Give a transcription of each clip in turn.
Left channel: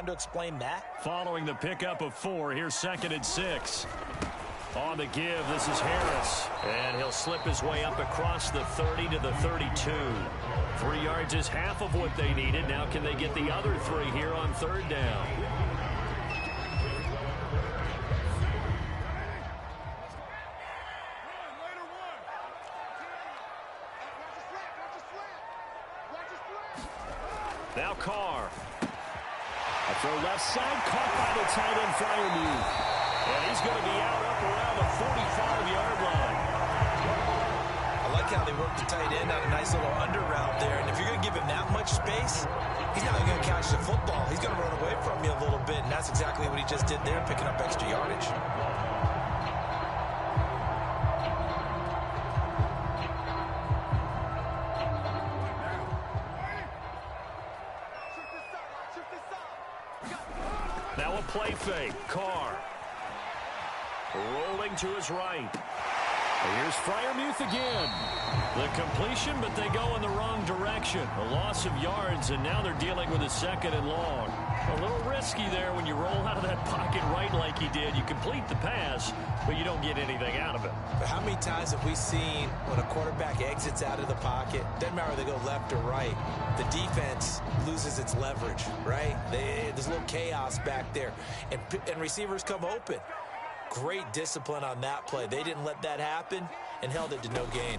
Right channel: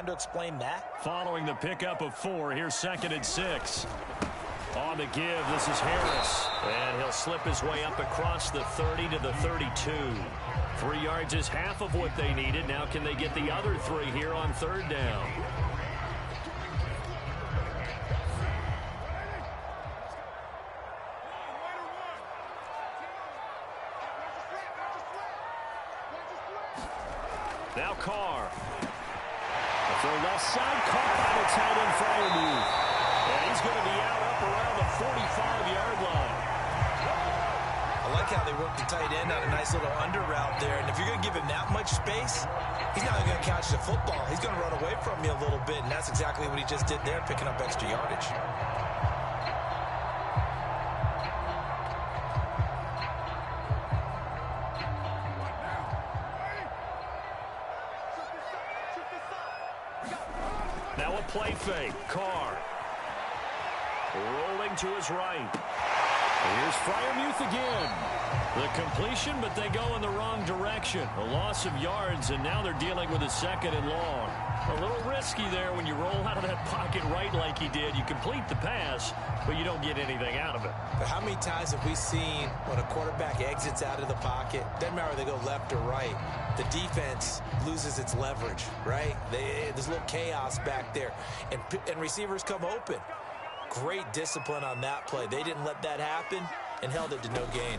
trying to explain that? Following the pickup of 4, here's 2nd and 6. On the give, this is Harris. And he'll slip his way up across the 30 to the 32. 3 yards is half of what they needed. Now can they get the other 3 here on 3rd down? Now Carr. A throw left side, caught by the tight end Freiermuth. And he's going to be out up around the 45-yard line. I like how they work the tight end on a nice little under route there. And if you're going to give him that much space, he's not going to catch the football. He's going to run away from you a little bit, and that's exactly what he just did there, picking up extra yardage. Now a play fake. Carr. Rolling to his right. And here's Freiermuth again. The completion, but they go in the wrong direction. A loss of yards, and now they're dealing with a 2nd and long. A little risky there when you roll out of that pocket right like he did. You complete the pass, but you don't get anything out of it. But how many times have we seen when a quarterback exits out of the pocket, doesn't matter whether they go left or right, the defense loses its leverage, right? There's a little chaos back there, and receivers come open. Great discipline on that play. They didn't let that happen and held it to no gain.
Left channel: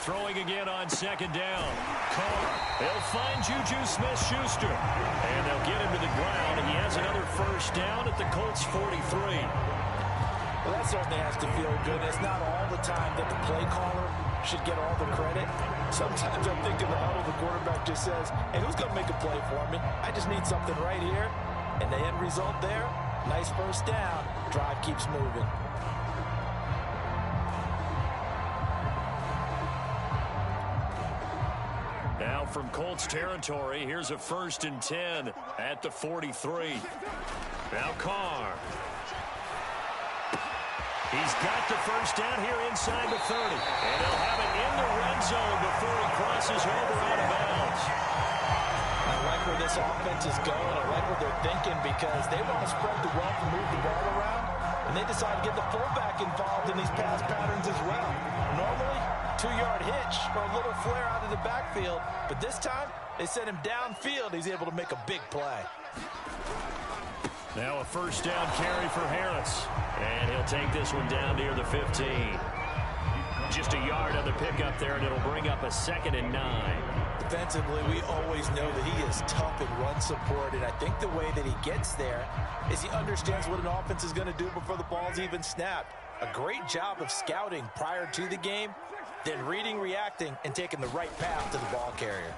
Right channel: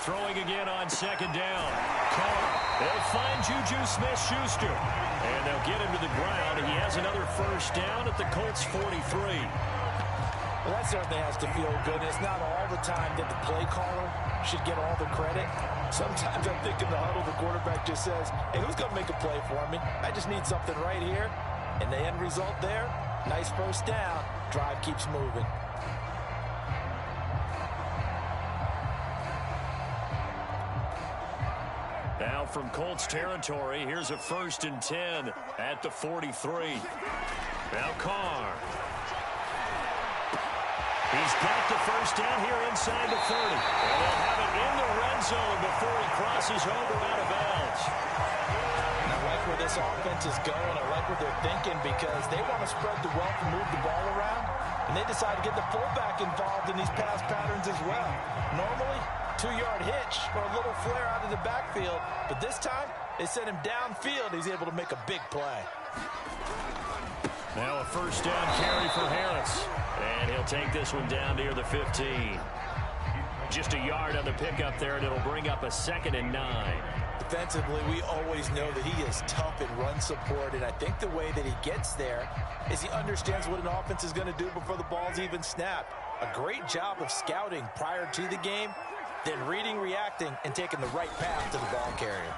Throwing again on 2nd down. Carr. They'll find Juju Smith-Schuster. And they'll get him to the ground. He has another 1st down at the Colts 43. Well, that certainly has to feel good. It's not all the time that the play caller should get all the credit. Sometimes I think in the huddle, the quarterback just says, hey, who's going to make a play for me? I just need something right here. And the end result there, nice 1st down. Drive keeps moving. Now from Colts territory, here's a 1st and 10 at the 43. Now Carr. He's got the 1st down here inside the 30. And they'll have it in the red zone before he crosses over out of bounds. I like where this offense is going. I like what they're thinking because they want to spread the wealth and move the ball around. And they decide to get the fullback involved in these pass patterns as well. Normally, 2-yard hitch or a little flare out of the backfield. But this time, they sent him downfield. He's able to make a big play. Now a 1st down carry for Harris. And he'll take this one down near the 15. Just a yard on the pickup there, and it'll bring up a 2nd and 9. Defensively, we always know that he is tough in run support, and I think the way that he gets there is he understands what an offense is going to do before the ball's even snapped. A great job of scouting prior to the game, then reading, reacting, and taking the right path to the ball carrier.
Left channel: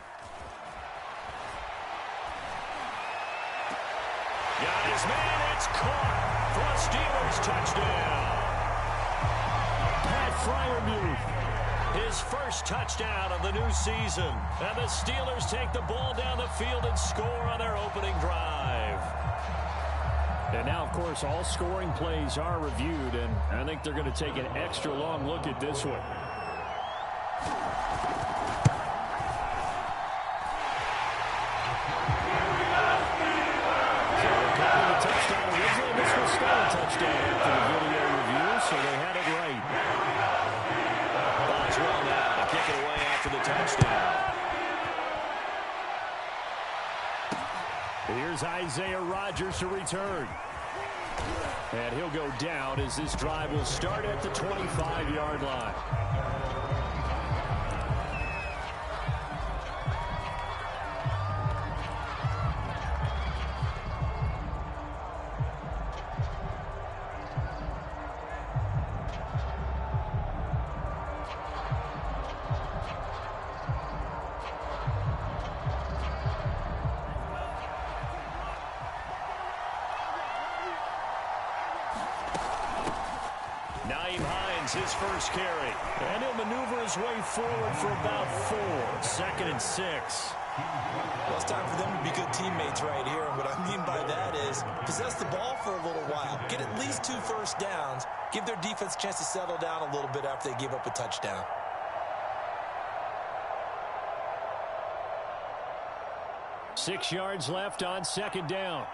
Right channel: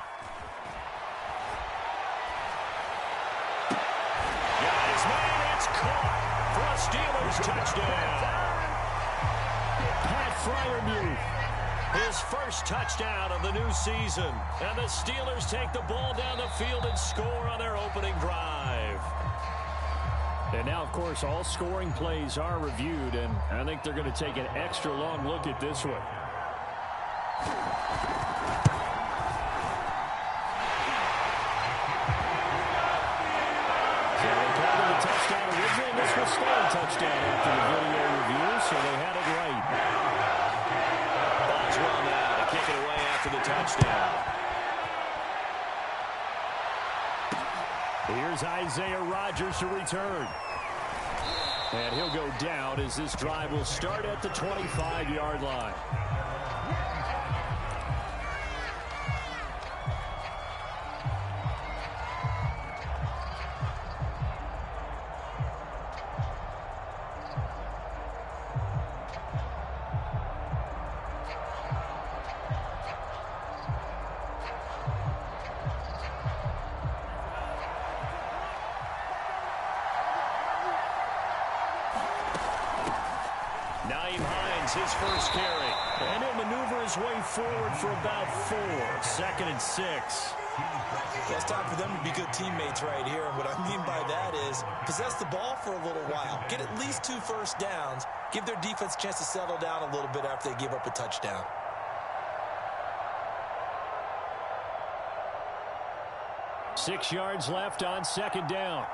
Got his man, it's caught for a Steelers touchdown. Pat Freiermuth, his 1st touchdown of the new season. And the Steelers take the ball down the field and score on their opening drive. And now, of course, all scoring plays are reviewed, and I think they're going to take an extra long look at this one. So they called it a touchdown originally. This was still a touchdown after the video review, so they had it right. Boswell now to kick it away after the touchdown. Here's Isaiah Rodgers to return. And he'll go down as this drive will start at the 25-yard line. His 1st carry. And he'll maneuver his way forward for about 4. 2nd and 6. Well, it's time for them to be good teammates right here. And what I mean by that is possess the ball for a little while. Get at least 2 1st downs. Give their defense a chance to settle down a little bit after they give up a touchdown. 6 yards left on second down.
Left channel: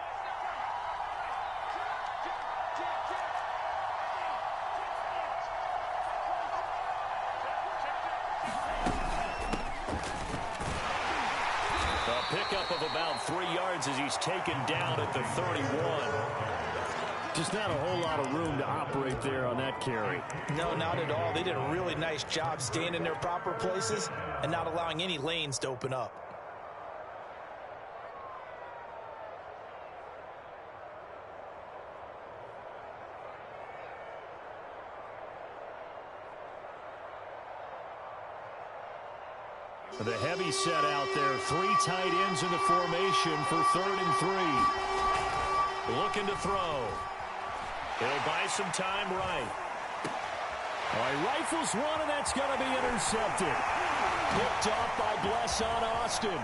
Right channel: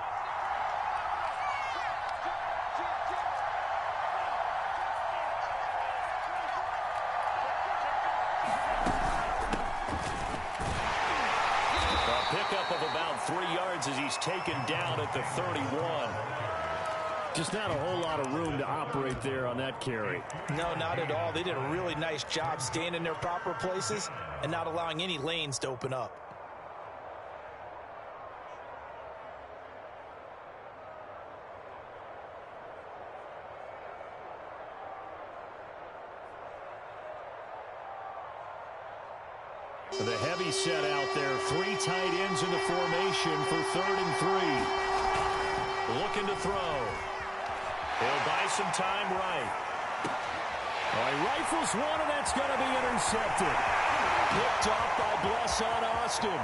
A pickup of about 3 yards as he's taken down at the 31. Just not a whole lot of room to operate there on that carry. No, not at all. They did a really nice job staying in their proper places and not allowing any lanes to open up. The heavy set out there. 3 tight ends in the formation for 3rd and 3. Looking to throw. He'll buy some time right. Oh, he rifles one, and that's going to be intercepted. Picked off by Blesson Austin.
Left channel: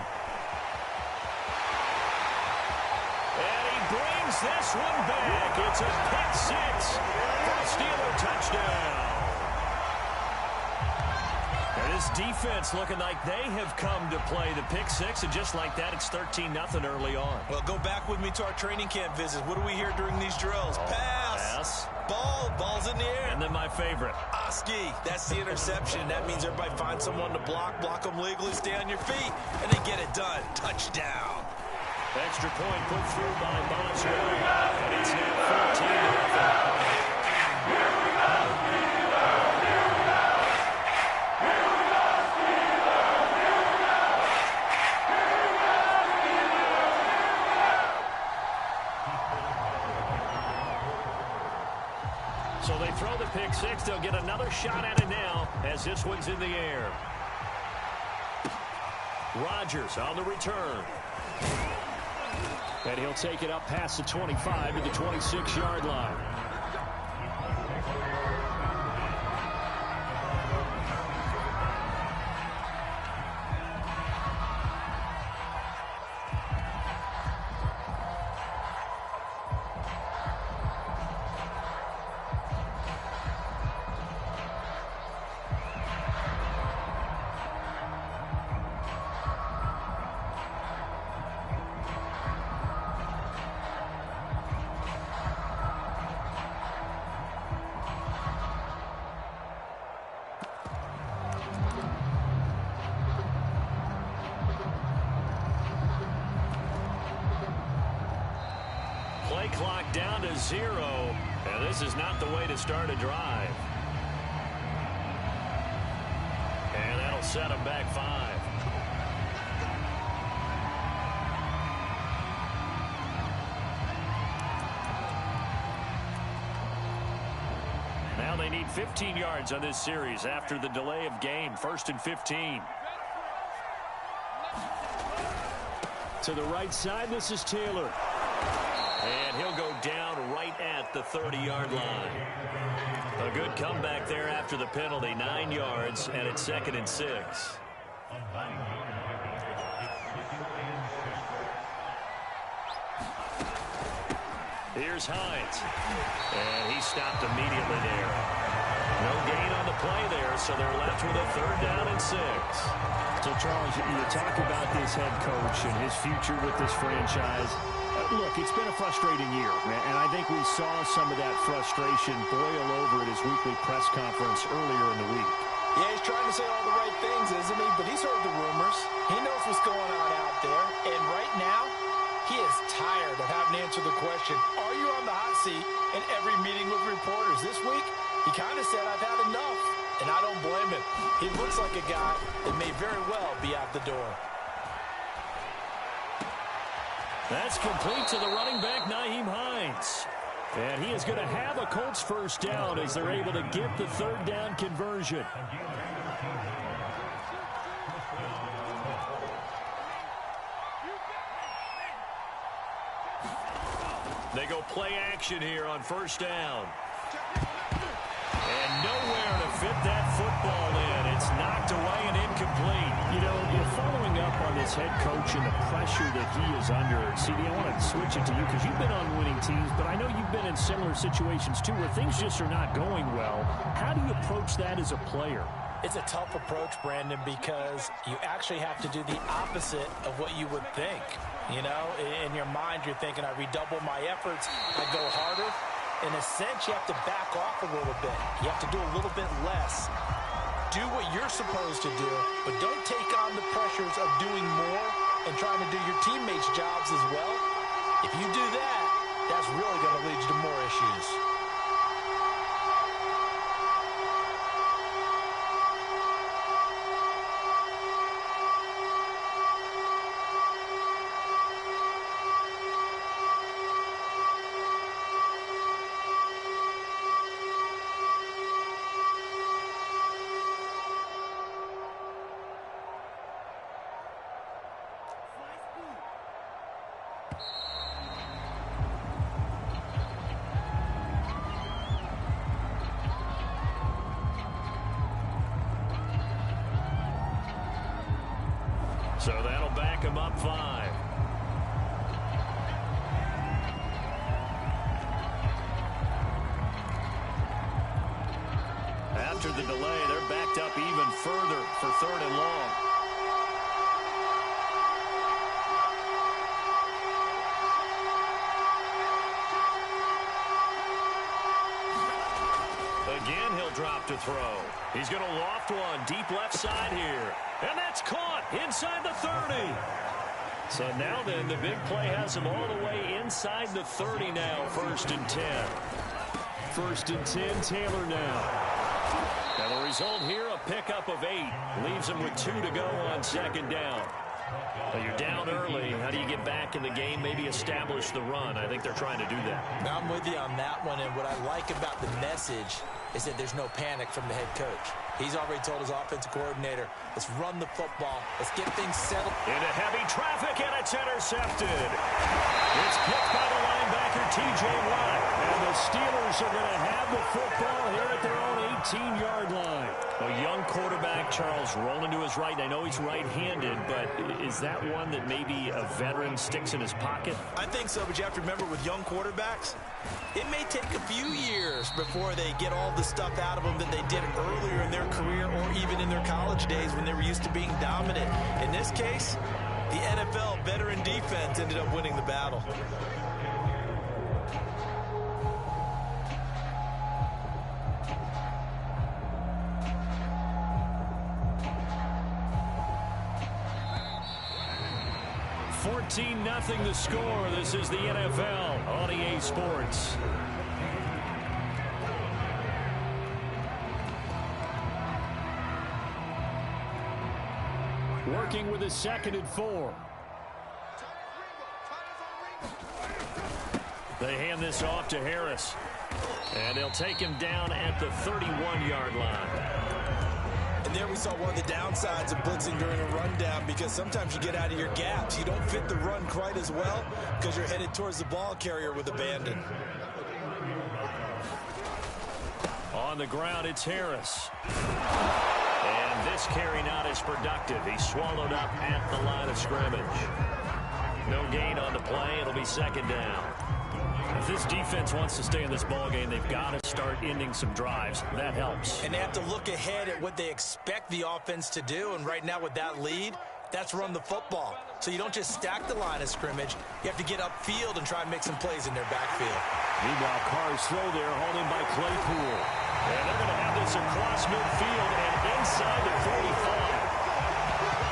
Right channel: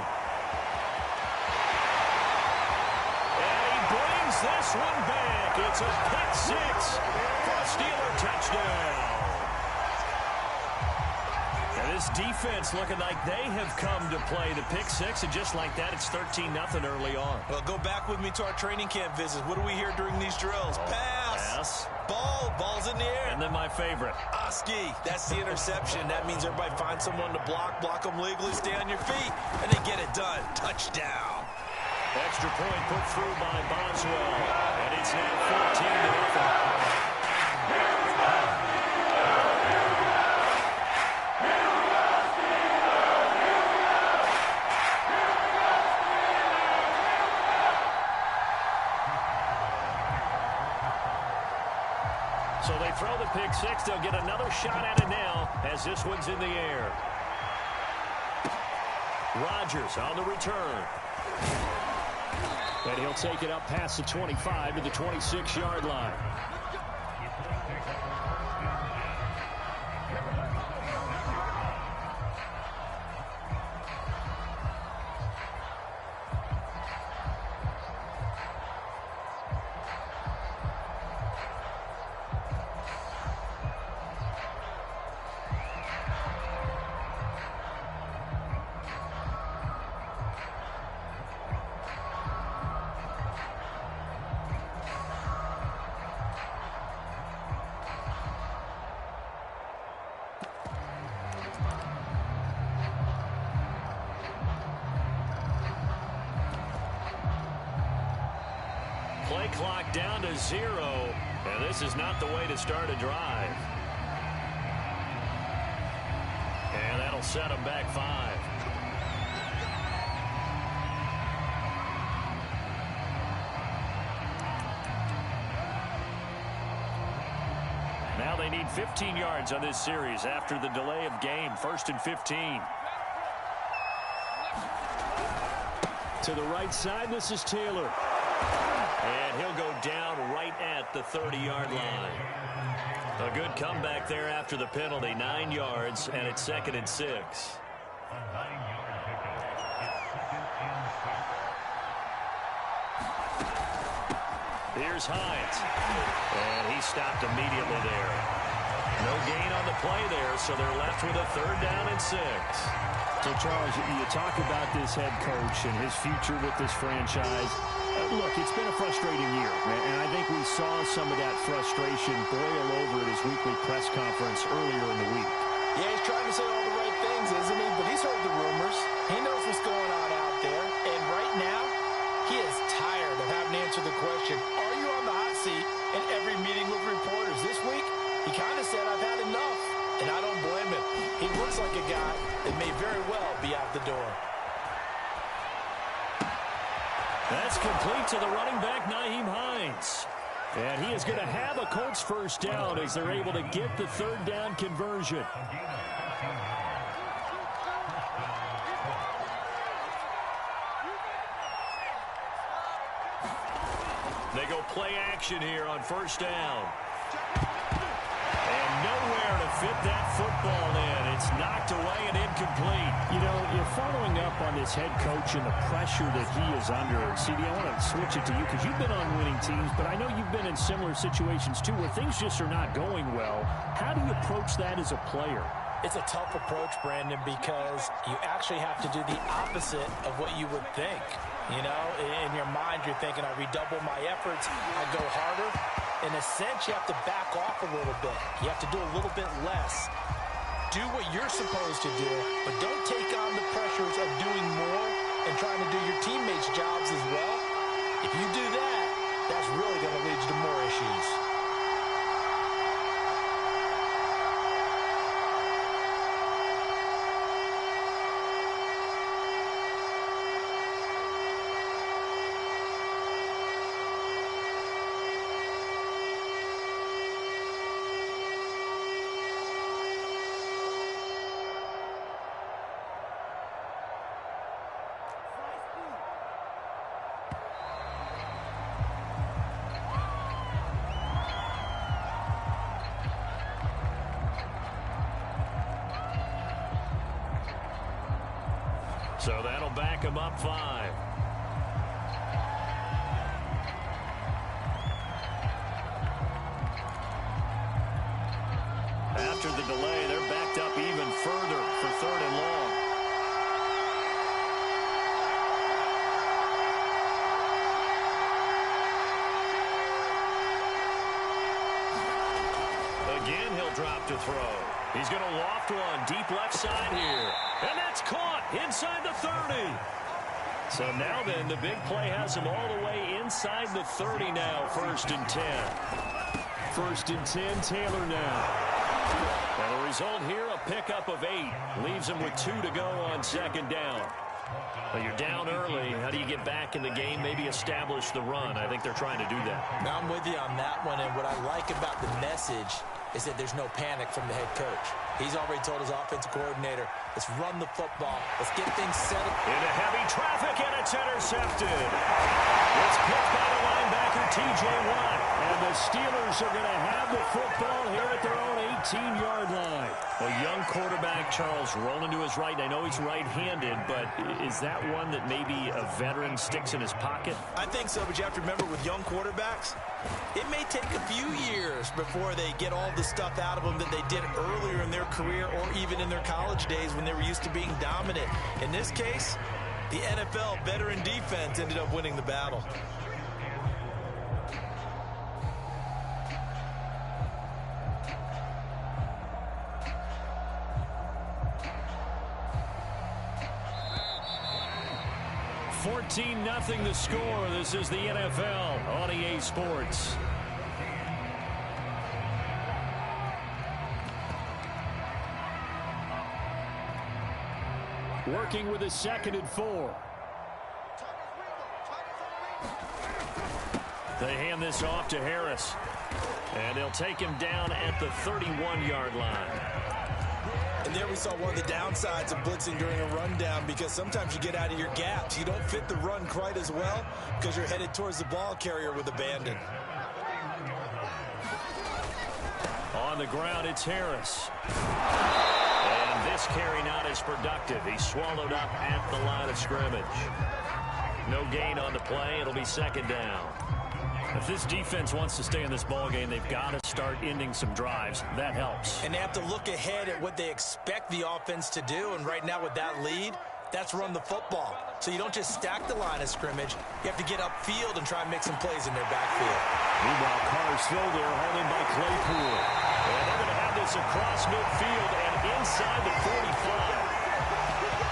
And he brings this one back. It's a pick 6 for a Steeler touchdown. And this defense looking like they have come to play the pick 6, and just like that, it's 13-0 early on. Well, go back with me to our training camp visits. What do we hear during these drills? Pass. Ball's in the air. And then my favorite. Oski, that's the interception. That means everybody finds someone to block them legally, stay on your feet, and they get it done. Touchdown. Extra point put through by Boswell, and it's now 14-0. So they throw the pick 6. They'll get another shot at it now as this one's in the air. Rodgers on the return. And he'll take it up past the 25 to the 26-yard line. Play clock down to 0, and this is not the way to start a drive. And that'll set them back 5. Now they need 15 yards on this series after the delay of game. 1st and 15. To the right side, this is Taylor. And he'll go down right at the 30-yard line. A good comeback there after the penalty. 9 yards, and it's 2nd and 6. Here's Hines. And he stopped immediately there. No gain on the play there, so they're left with a 3rd down and 6. So, Charles, you talk about this head coach and his future with this franchise. Look, it's been a frustrating year, and I think we saw some of that frustration boil over at his weekly press conference earlier in the week. Yeah, he's trying to say all the right things, isn't he? But he's heard the rumors. He knows what's going on out there. And right now, he is tired of having to answer the question, are you on the hot seat in every meeting with reporters? This week, he kind of said, I've had enough. And I don't blame him. He looks like a guy that may very well be out the door. That's complete to the running back, Nyheim Hines. And he is going to have a Colts 1st down as they're able to get the 3rd down conversion. They go play action here on 1st down. And nowhere to fit that football in. It's knocked away and incomplete. You know, you're following up on this head coach and the pressure that he is under. CD, I want to switch it to you because you've been on winning teams, but I know you've been in similar situations too where things just are not going well. How do you approach that as a player? It's a tough approach, Brandon, because you actually have to do the opposite of what you would think. You know, in your mind, you're thinking, I redouble my efforts, I go harder. In a sense, you have to back off a little bit. You have to do a little bit less. Do what you're supposed to do, but don't take on the pressures of doing more and trying to do your teammates' jobs as well. If you do that, that's really going to lead you to more issues. So that'll back him up 5. After the delay, they're backed up even further for 3rd and long. Again, he'll drop to throw. He's going to loft one deep left side here. And that's caught inside the 30. So now then, the big play has him all the way inside the 30 now. 1st and 10. 1st and 10, Taylor now. And the result here, a pickup of 8. Leaves him with 2 to go on 2nd down. Well, you're down early. How do you get back in the game, maybe establish the run? I think they're trying to do that. Now, I'm with you on that one, and what I like about the message is that there's no panic from the head coach. He's already told his offensive coordinator, let's run the football. Let's get things settled. Into heavy traffic, and it's intercepted. It's picked by the linebacker, T.J. Watt. And the Steelers are going to have the football here at their own 18-yard line. A young quarterback, Charles, rolling to his right. I know he's right-handed, but is that one that maybe a veteran sticks in his pocket? I think so, but you have to remember with young quarterbacks, it may take a few years before they get all the stuff out of them that they did earlier in their career or even in their college days when they were used to being dominant. In this case, the NFL veteran defense ended up winning the battle. Nothing the score. This is the NFL on EA Sports. Working with a 2nd and 4. They hand this off to Harris. And they'll take him down at the 31-yard line. And there we saw one of the downsides of blitzing during a rundown, because sometimes you get out of your gaps. You don't fit the run quite as well because you're headed towards the ball carrier with abandon. On the ground, it's Harris. And this carry not as productive. He's swallowed up at the line of scrimmage. No gain on the play. It'll be 2nd down. If this defense wants to stay in this ballgame, they've got to start ending some drives. That helps. And they have to look ahead at what they expect the offense to do. And right now with that lead, that's run the football. So you don't just stack the line of scrimmage. You have to get upfield and try and make some plays in their backfield. Meanwhile, Carr's throw there, hauled in by Claypool. And they're going to have this across midfield and inside the 45.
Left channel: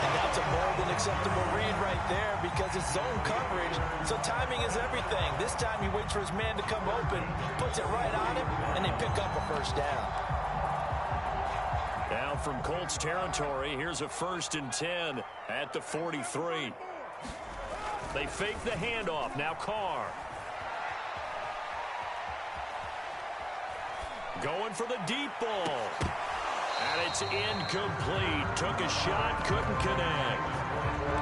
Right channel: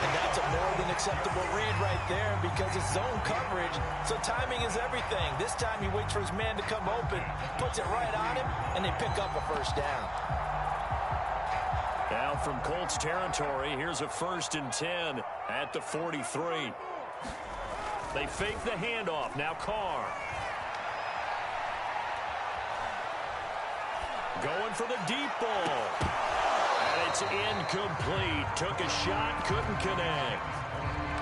And that's a more than acceptable read right there because it's zone coverage, so timing is everything. This time he waits for his man to come open, puts it right on him, and they pick up a 1st down. Now from Colts territory, here's a 1st and 10 at the 43. They fake the handoff. Now Carr. Going for the deep ball. And it's incomplete. Took a shot, couldn't connect.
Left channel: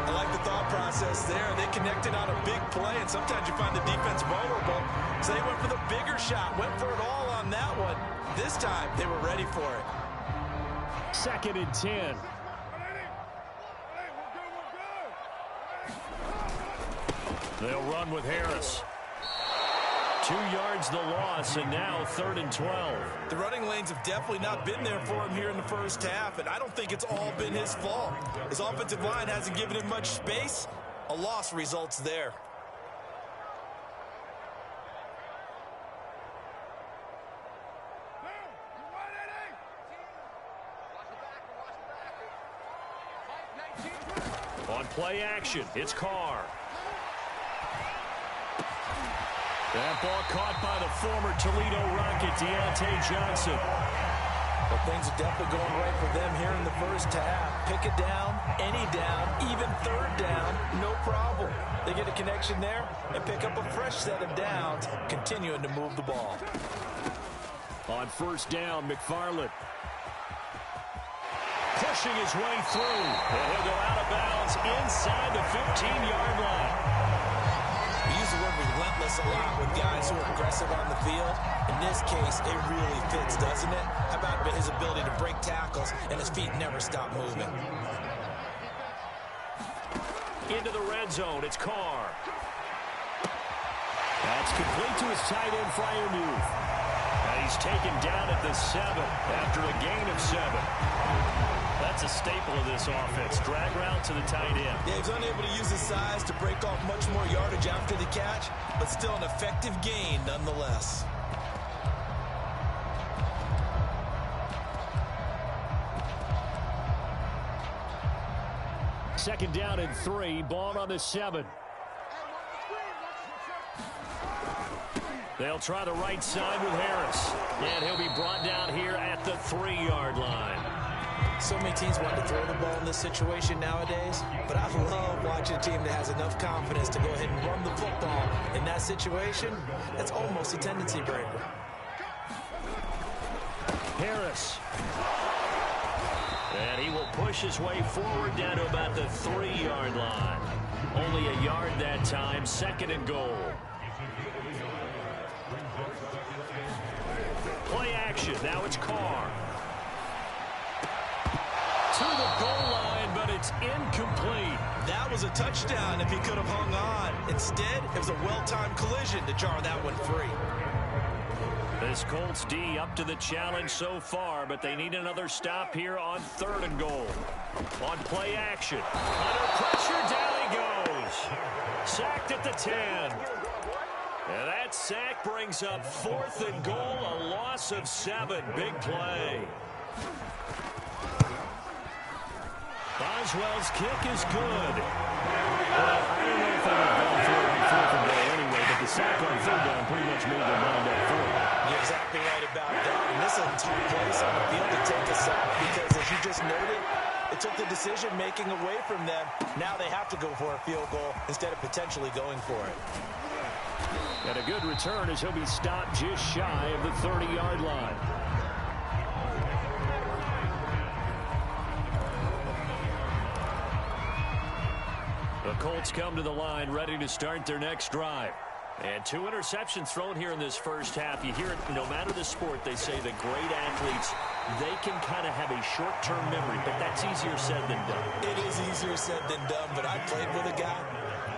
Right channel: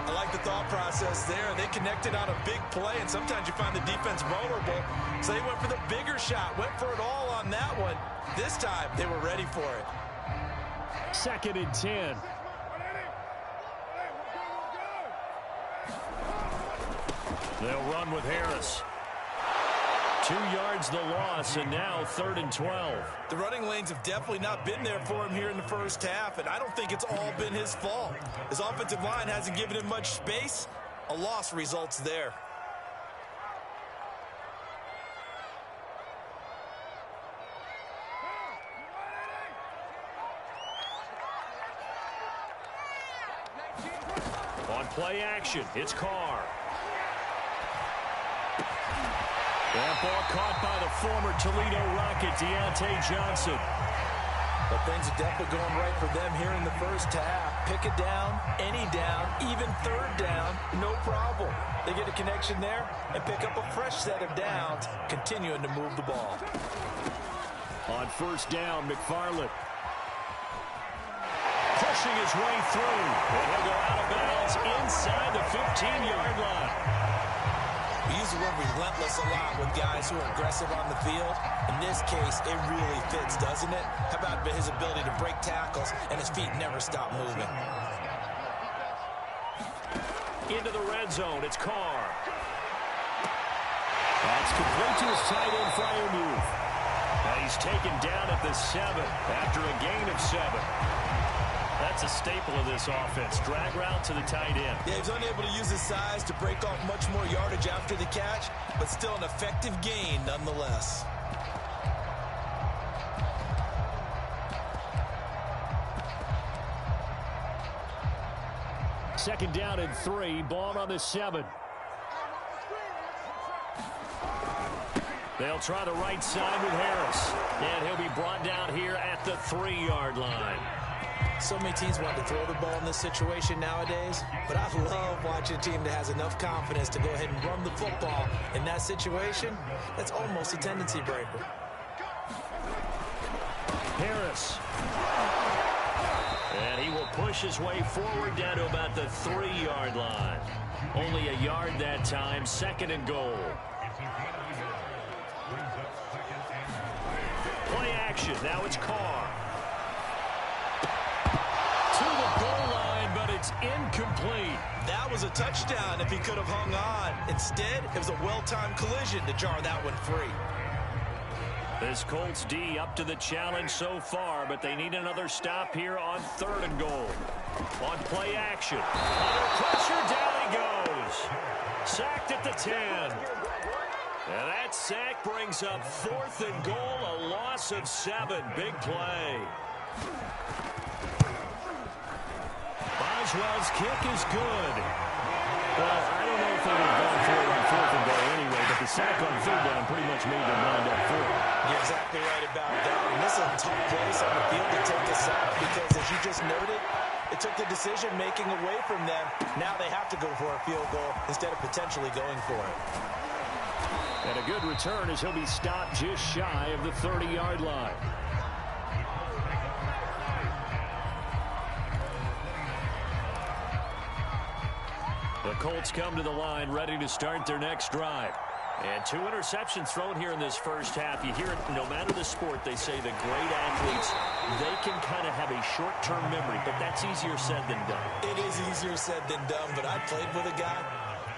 I like the thought process there. They connected on a big play, and sometimes you find the defense vulnerable. So they went for the bigger shot, went for it all on that one. This time, they were ready for it. 2nd and 10. They'll run with Harris. 2 yards the loss, and now 3rd and 12. The running lanes have definitely not been there for him here in the first half, and I don't think it's all been his fault. His offensive line hasn't given him much space, A loss results there. On play action, it's Carr. That ball caught by the former Toledo Rocket, Deontay Johnson. But things are definitely going right for them here in the first half. Pick a down, any down, even third down, no problem. They get a connection there and pick up a fresh set of downs, continuing to move the ball. On first down, McFarland pushing his way through, and he'll go out of bounds inside the 15-yard line. We use the word relentless a lot with guys who are aggressive on the field. In this case, it really fits, doesn't it? How about his ability to break tackles and his feet never stop moving? Into the red zone, it's Carr. That's complete to his tight end Freiermuth. And he's taken down at the 7 after a gain of 7. That's a staple of this offense. Drag route to the tight end. Yeah, he's unable to use his size to break off much more yardage after the catch, but still an effective gain nonetheless. Second down and 3, ball on the 7. They'll try the right side with Harris. And he'll be brought down here at the 3-yard line. So many teams want to throw the ball in this situation nowadays, but I love watching a team that has enough confidence to go ahead and run the football. In that situation, that's almost a tendency breaker. Harris. And he will push his way forward down to about the 3-yard line. Only a yard that time, 2nd and goal. Play action, now it's Carr. To the goal line, but it's incomplete. That was a touchdown if he could have hung on. Instead, it was a well-timed collision to jar that one free. This Colts D up to the challenge so far, but they need another stop here on 3rd and goal. On play action. Under pressure, down he goes. Sacked at the 10. And that sack brings up 4th and goal, a loss of 7. Big play. Boswell's kick is good. Well, I don't know if they would have gone for it on 4th and goal anyway, but the sack on 3rd down pretty much made their mind up for it. You're exactly right about that. And this is a tough place on the field to take a sack because, as you just noted, it took the decision-making away from them. Now they have to go for a field goal instead of potentially going for it. And a good return as he'll be stopped just shy of the 30-yard line. The Colts come to the line ready to start their next drive. And 2 interceptions thrown here in this first half. You hear it no matter the sport. They say the great athletes, they can kind of have a short-term memory, but that's easier said than done. It is easier said than done, but I played with a guy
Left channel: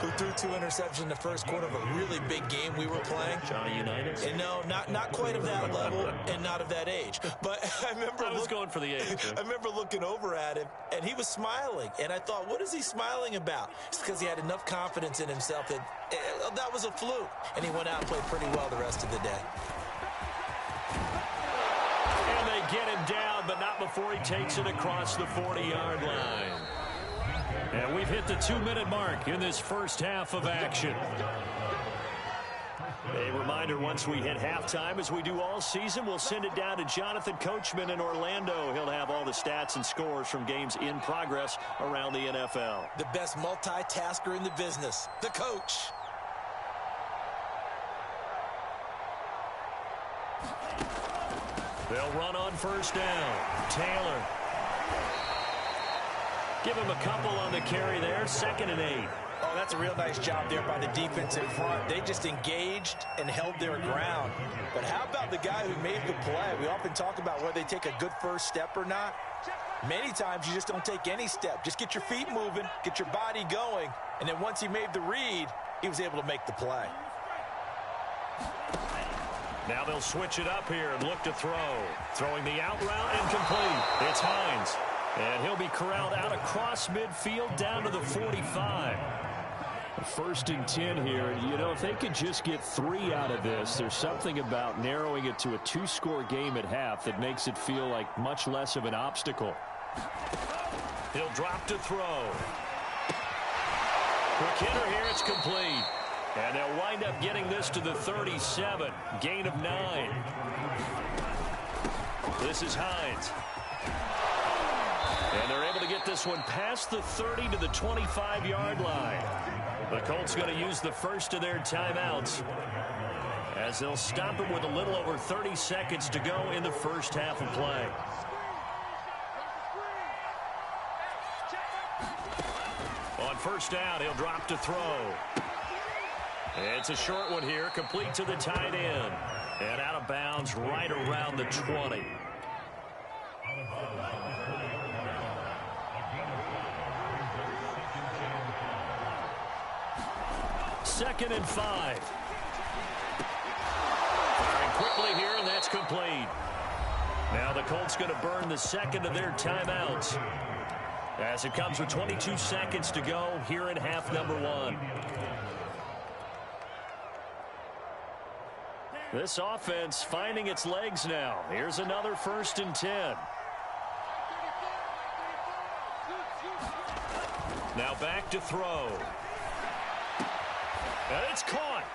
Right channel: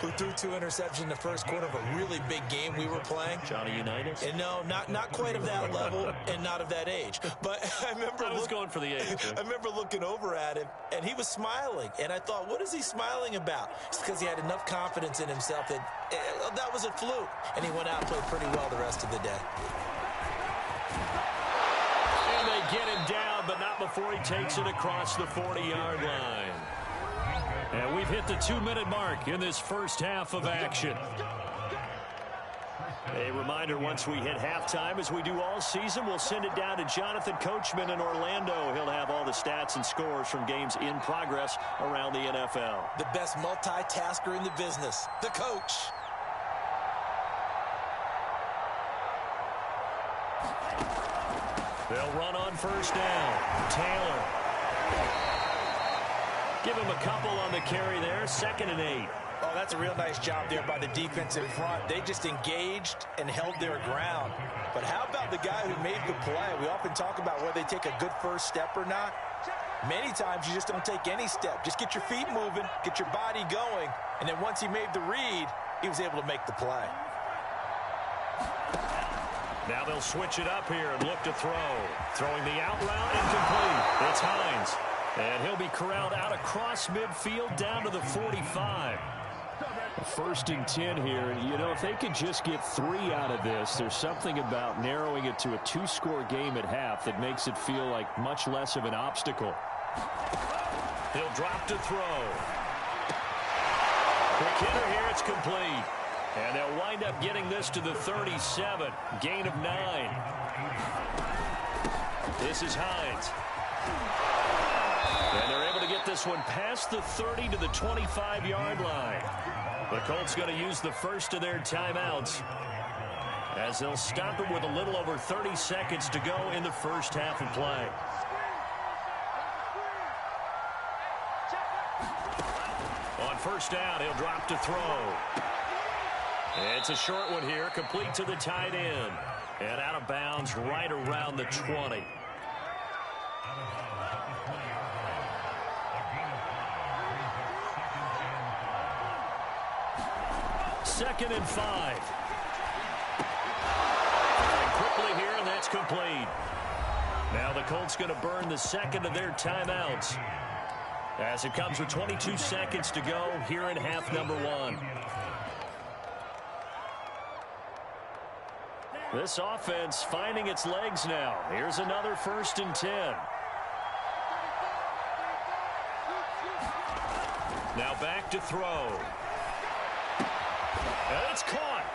who threw 2 interceptions in the first quarter of a really big game we were playing. Johnny Unitas? And no, not quite of that level and not of that age. But I was going for the age. I remember looking over at him, and he was smiling. And I thought, what is he smiling about? It's because he had enough confidence in himself that that was a fluke. And he went out and played pretty well the rest of the day. And they get him down, but not before he takes it across the 40-yard line. And we've hit the 2-minute mark in this first half of action. A reminder, once we hit halftime, as we do all season, we'll send it down to Jonathan Coachman in Orlando. He'll have all the stats and scores from games in progress around the NFL. The best multitasker in the business, the coach. They'll run on first down. Taylor. Give him a couple on the carry there. 2nd and 8. Oh, that's a real nice job there by the defense in front. They just engaged and held their ground. But how about the guy who made the play? We often talk about whether they take a good first step or not. Many times you just don't take any step. Just get your feet moving, get your body going, and then once he made the read, he was able to make the play. Now they'll switch it up here and look to throw. Throwing the out route incomplete. It's Hines. And he'll be corralled out across midfield down to the 45. First and 10 here. And, you know, if they could just get 3 out of this, there's something about narrowing it to a 2-score game at half that makes it feel like much less of an obstacle. He'll drop to throw. Quick hitter here. It's complete. And they'll wind up getting this to the 37. Gain of 9. This is Hines. And they're able to get this one past the 30 to the 25-yard line. The Colts going to use the first of their timeouts as they'll stop it with a little over 30 seconds to go in the first half of play. On first down, he'll drop to throw. It's a short one here, complete to the tight end. And out of bounds right around the 20. Second and 5. Firing quickly here, and that's complete. Now the Colts going to burn the second of their timeouts as it comes with 22 seconds to go here in half number 1. This offense finding its legs now. Here's another first and 10. Now back to throw. And it's caught.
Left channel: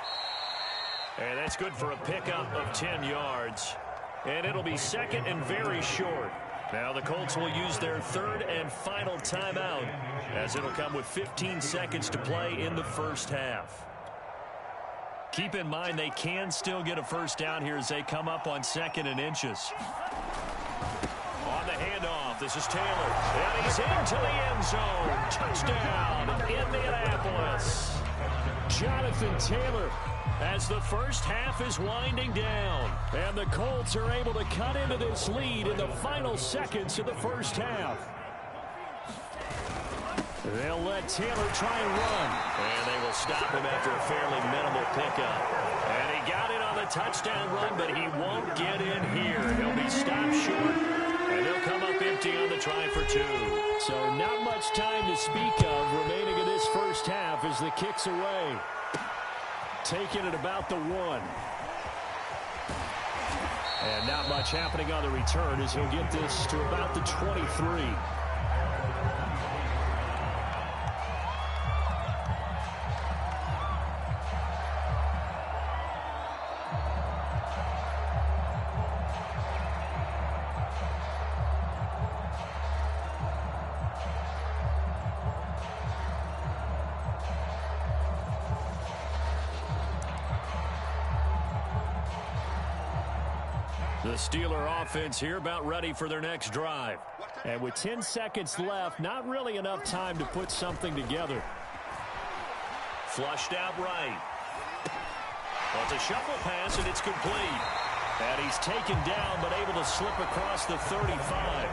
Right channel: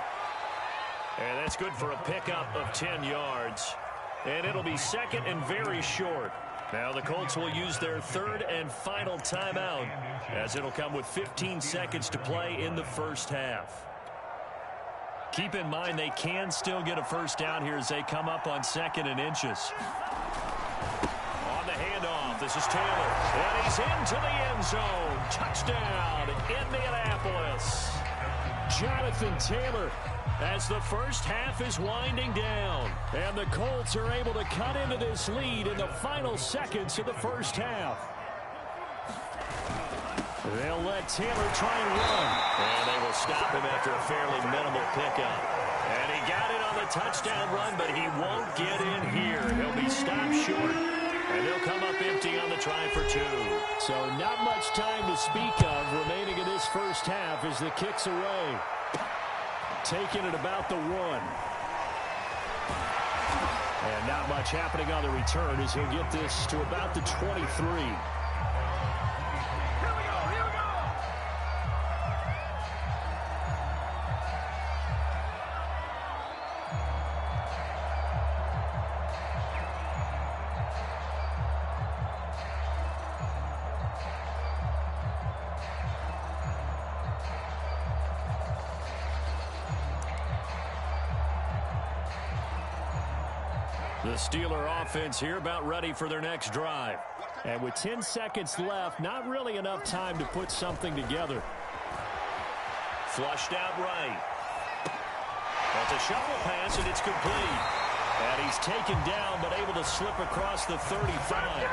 And that's good for a pickup of 10 yards. And it'll be second and very short. Now the Colts will use their third and final timeout as it'll come with 15 seconds to play in the first half. Keep in mind they can still get a first down here as they come up on second and inches. On the handoff, this is Taylor. And he's into the end zone. Touchdown, Indianapolis. Jonathan Taylor as the first half is winding down. And the Colts are able to cut into this lead in the final seconds of the first half. They'll let Taylor try and run. And they will stop him after a fairly minimal pickup. And he got it on the touchdown run, but he won't get in here. He'll be stopped short, and they'll come up empty on the try for 2. So not much time to speak of remaining in this first half as the kick's away. Taking it about the 1. And not much happening on the return as he'll get this to about the 23. The Steeler offense here about ready for their next drive. And with 10 seconds left, not really enough time to put something together. Flushed out right. That's a shuffle pass, and it's complete. And he's taken down, but able to slip across the 35.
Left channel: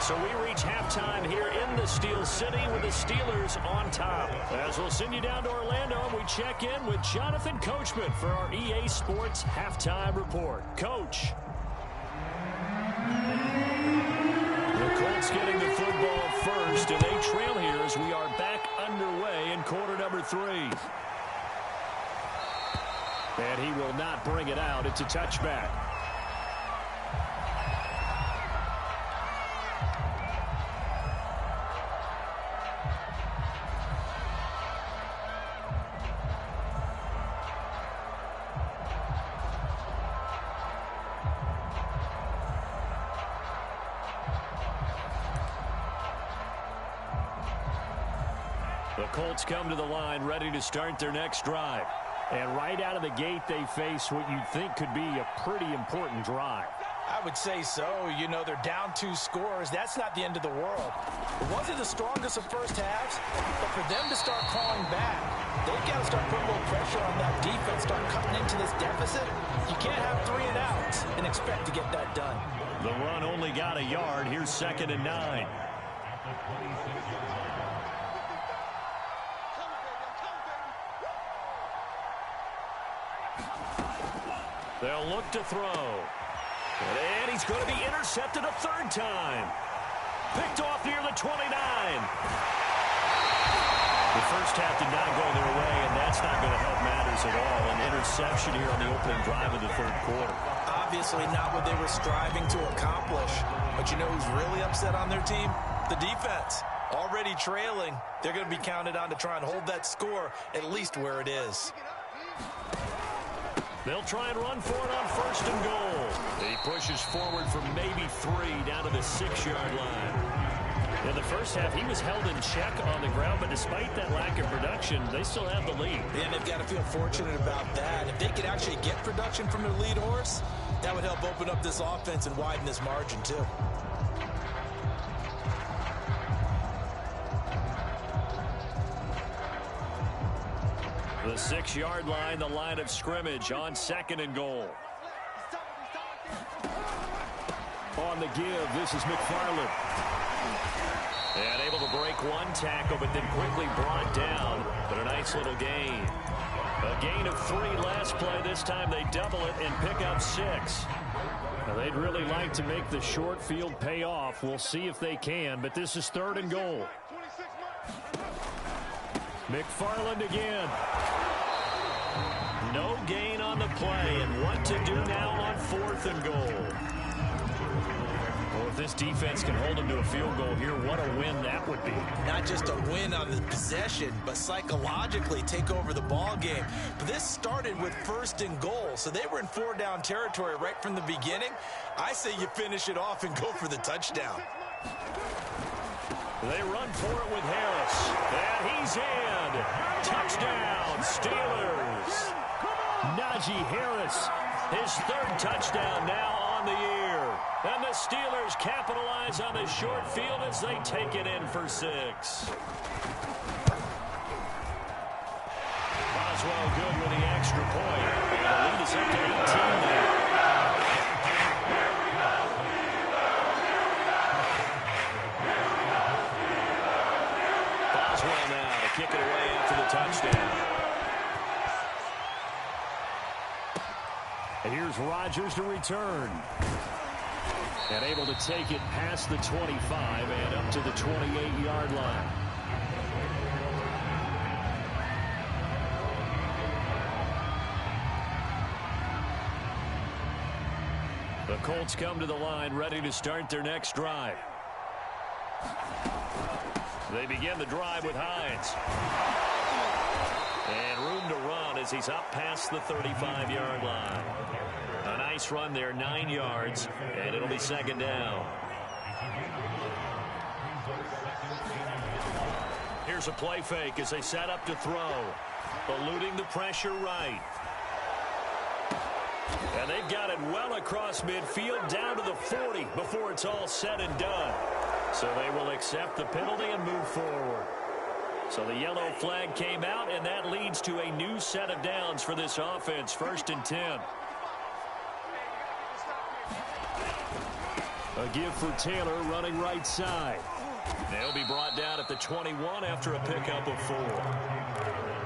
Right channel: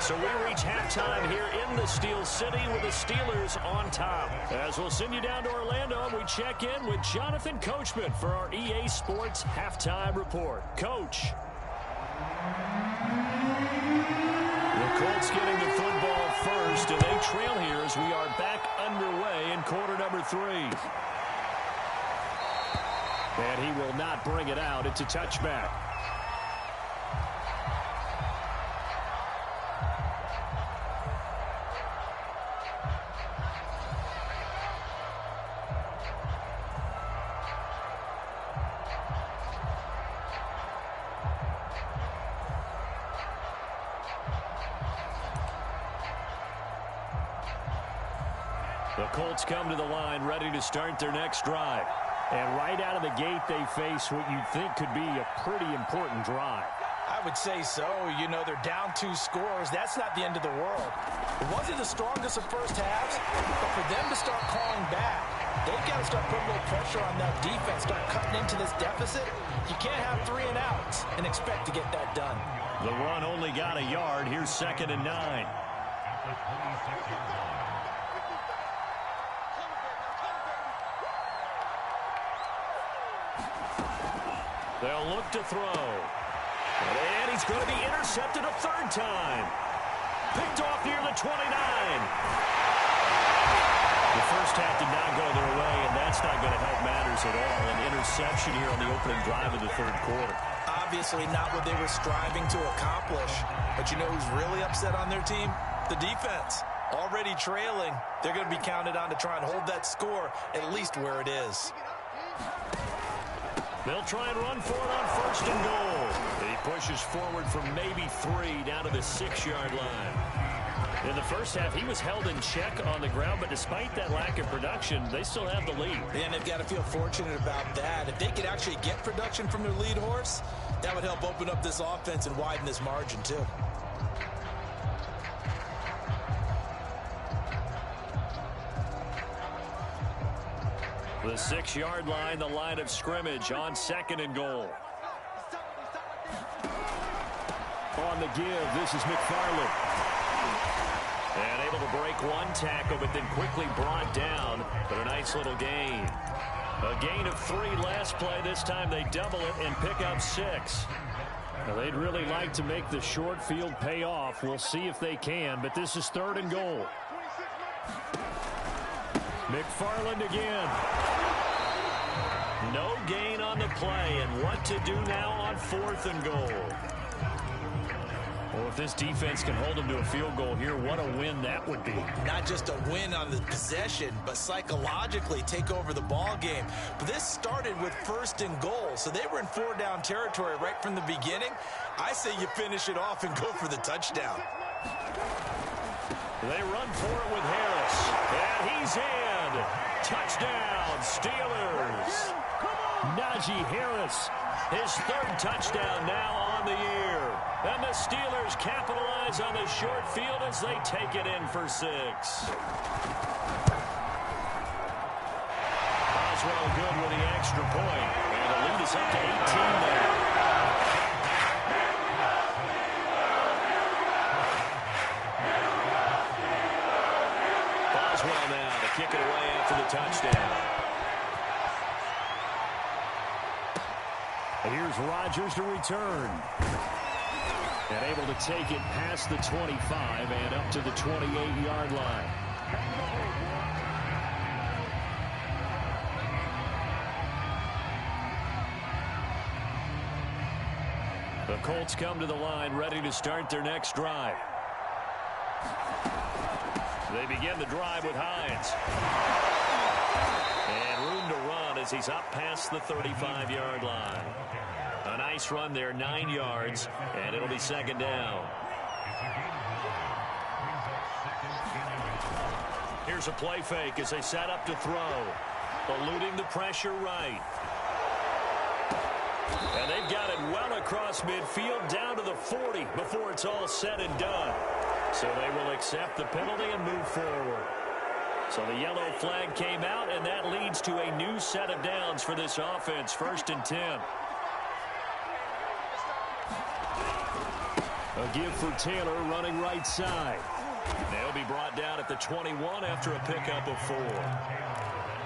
So we reach halftime here in the Steel City with the Steelers on top. As we'll send you down to Orlando, and we check in with Jonathan Coachman for our EA Sports Halftime Report. Coach. The Colts getting the football first, and they trail here as we are back underway in quarter number 3. And he will not bring it out. It's a touchback. The Colts come to the line ready to start their next drive. And right out of the gate, they face what you'd think could be a pretty important drive. I would say so. You know, they're down 2 scores. That's not the end of the world. It wasn't the strongest of first halves, but for them to start calling back, they've got to start putting a little pressure on that defense, start cutting into this deficit. You can't have 3 and outs and expect to get that done. The run only got a yard. Here's second and 9. They'll look to throw. And he's going to be intercepted a 3rd time. Picked off near the 29. The first half did not go their way, and that's not going to help matters at all. An interception here on the opening drive of the third quarter. Obviously not what they were striving to accomplish. But you know who's really upset on their team? The defense. Already trailing, they're going to be counted on to try and hold that score at least where it is. They'll try and run for it on first and goal. He pushes forward for maybe 3 down to the 6-yard line. In the first half, he was held in check on the ground, but despite that lack of production, they still have the lead. And they've got to feel fortunate about that. If they could actually get production from their lead horse, that would help open up this offense and widen this margin too. The 6-yard line, the line of scrimmage on second and goal. On the give, this is McFarland. And able to break one tackle, but then quickly brought down. But a nice little gain. A gain of 3 last play. This time they double it and pick up 6. Now, they'd really like to make the short field pay off. We'll see if they can, but this is third and goal. McFarland again. No gain on the play, and what to do now on fourth and goal. Well, if this defense can hold them to a field goal here, what a win that would be. Not just a win on the possession, but psychologically take over the ball game. But this started with first and goal, so they were in 4-down territory right from the beginning. I say you finish it off and go for the touchdown. They run for it with Harris, and he's in. Touchdown, Steelers. Najee Harris, his 3rd touchdown now on the year. And the Steelers capitalize on the short field as they take it in for 6. Boswell good with the extra point. And the lead is up to 18 now. Boswell now to kick it away after the touchdown. And here's Rodgers to return. And able to take it past the 25 and up to the 28-yard line. The Colts come to the line ready to start their next drive. They begin the drive with Hines. And room to run as he's up past the 35-yard line. A nice run there, 9 yards, and it'll be second down. Here's a play fake as they set up to throw. Eluding the pressure right. And they've got it well across midfield down to the 40 before it's all said and done. So they will accept the penalty and move forward. So the yellow flag came out, and that leads to a new set of downs for this offense. 1st and 10. A give for Taylor running right side. They'll be brought down at the 21 after a pickup of 4.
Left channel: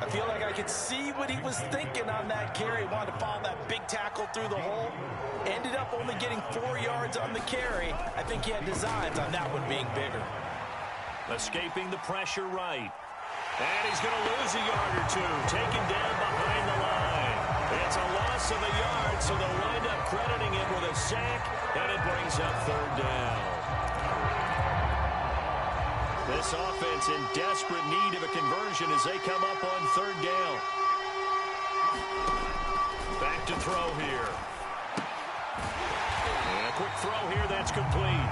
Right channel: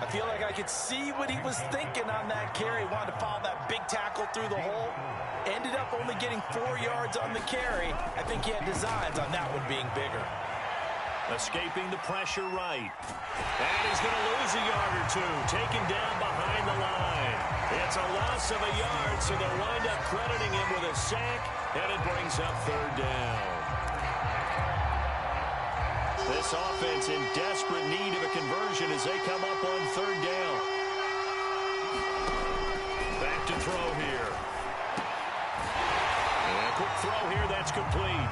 I feel like I could see what he was thinking on that carry. Wanted to follow that big tackle through the hole. Ended up only getting 4 yards on the carry. I think he had designs on that one being bigger. Escaping the pressure right. And he's going to lose a yard or 2. Taken down behind the line. It's a loss of a yard, so they'll wind up crediting him with a sack, and it brings up 3rd down. This offense in desperate need of a conversion as they come up on 3rd down. Back to throw here. And a quick throw here, that's complete.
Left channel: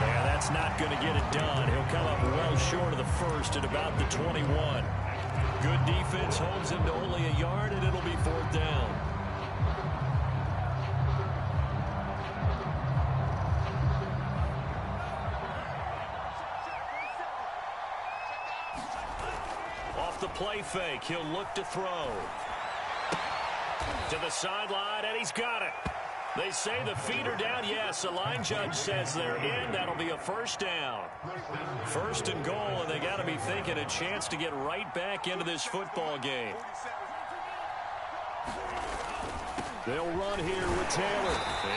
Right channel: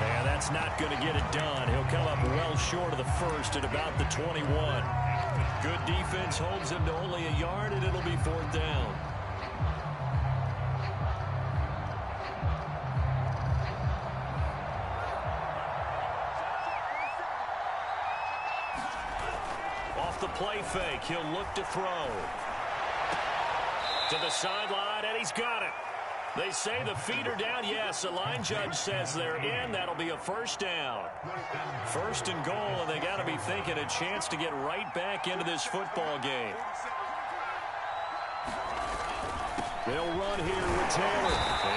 Yeah, that's not going to get it done. He'll come up well short of the 1st at about the 21. Good defense holds him to only a yard, and it'll be 4th down. Off the play fake, he'll look to throw. To the sideline, and he's got it. They say the feet are down. Yes, the line judge says they're in. That'll be a 1st down. 1st and goal, and they got to be thinking a chance to get right back into this football game. They'll run here with Taylor.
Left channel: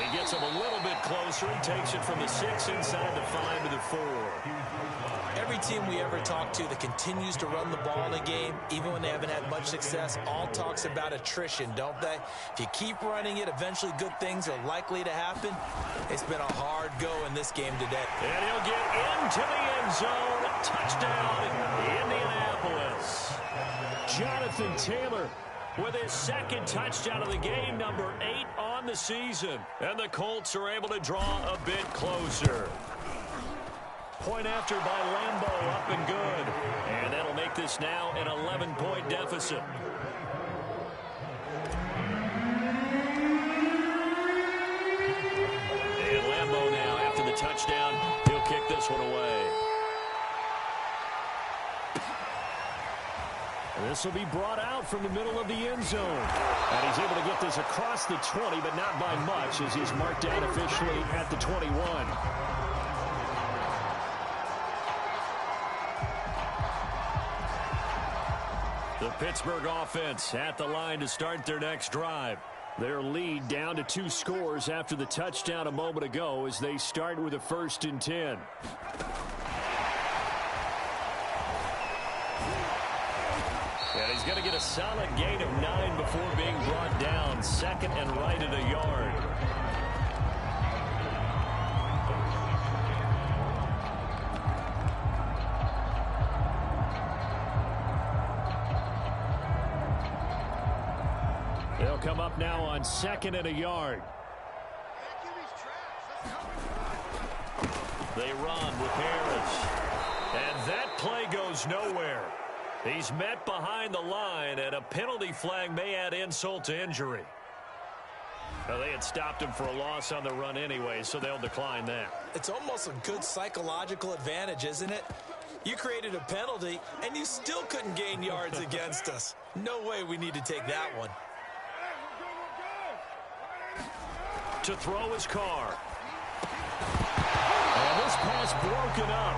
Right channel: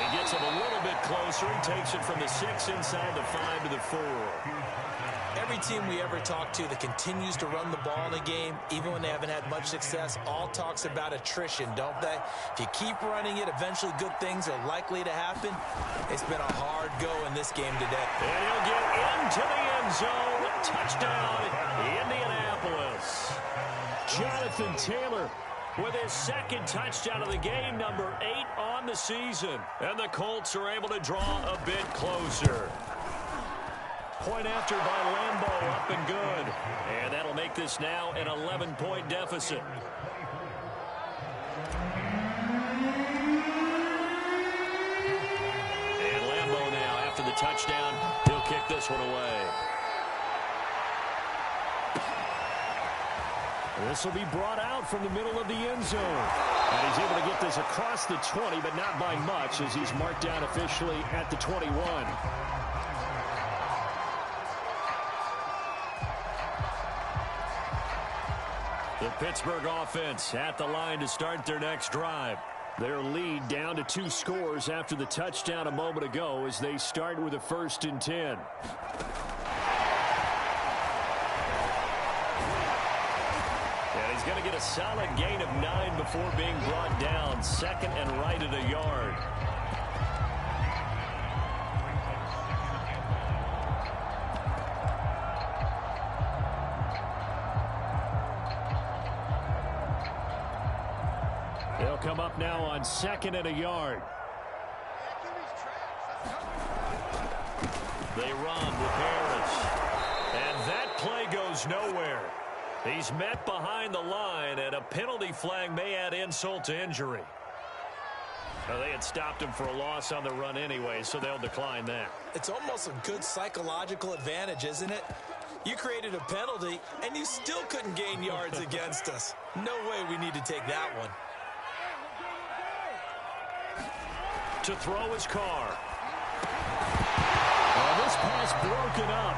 He gets him a little bit closer. He takes it from the 6 inside the 5 to the 4. Every team we ever talk to that continues to run the ball in a game, even when they haven't had much success, all talks about attrition, don't they? If you keep running it, eventually good things are likely to happen. It's been a hard go in this game today. And he'll get into the end zone. Touchdown, Indianapolis. Jonathan Taylor with his second touchdown of the game, number 8 on the season. And the Colts are able to draw a bit closer. Point after by Lambeau, up and good. And that'll make this now an 11-point deficit. And Lambeau now, after the touchdown, he'll kick this one away. This will be brought out from the middle of the end zone. And he's able to get this across the 20, but not by much, as he's marked down officially at the 21. The Pittsburgh offense at the line to start their next drive. Their lead down to 2 scores after the touchdown a moment ago as they start with a 1st and 10. And he's going to get a solid gain of 9 before being brought down. 2nd and right at a yard. They'll come up now on 2nd and a yard. They run with Harris. And that play goes nowhere. He's met behind the line, and a penalty flag may add insult to injury. Well, they had stopped him for a loss on the run anyway, so they'll decline that. It's almost a good psychological advantage, isn't it? You created a penalty, and you still couldn't gain yards against us. No way we need to take that one. To throw his Carr. And this pass broken up.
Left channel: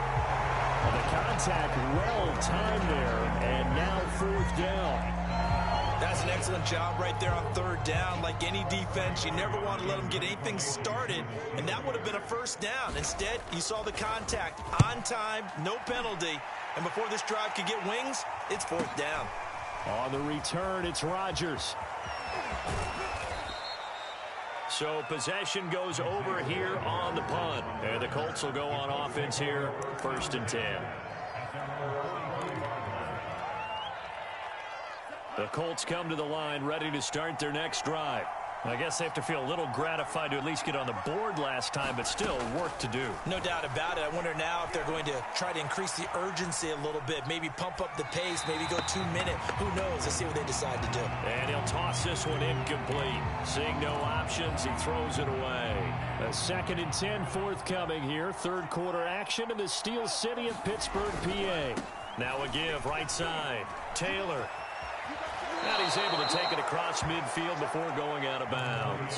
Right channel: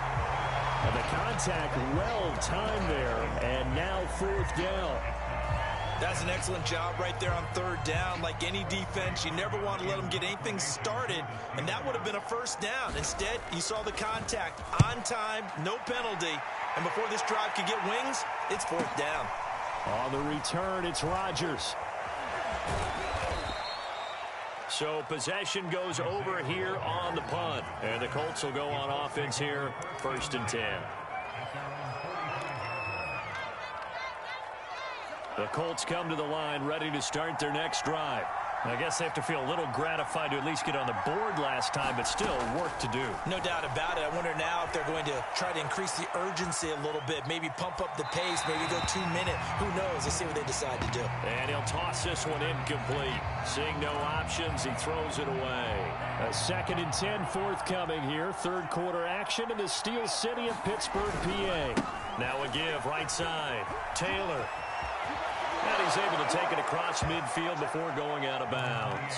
And the contact well timed there, and now 4th down. That's an excellent job right there on 3rd down. Like any defense, you never want to let them get anything started, and that would have been a 1st down. Instead, you saw the contact on time, no penalty, and before this drive could get wings, it's 4th down. On the return, it's Rodgers. So possession goes over here on the punt. And the Colts will go on offense here, 1st and 10. The Colts come to the line ready to start their next drive. I guess they have to feel a little gratified to at least get on the board last time, but still work to do. No doubt about it. I wonder now if they're going to try to increase the urgency a little bit, maybe pump up the pace, maybe go 2-minute. Who knows? Let's see what they decide to do. And he'll toss this one incomplete. Seeing no options, he throws it away. A 2nd and 10 forthcoming here. 3rd quarter action in the Steel City of Pittsburgh, PA. Now a give right side. Taylor. And he's able to take it across midfield before going out of bounds.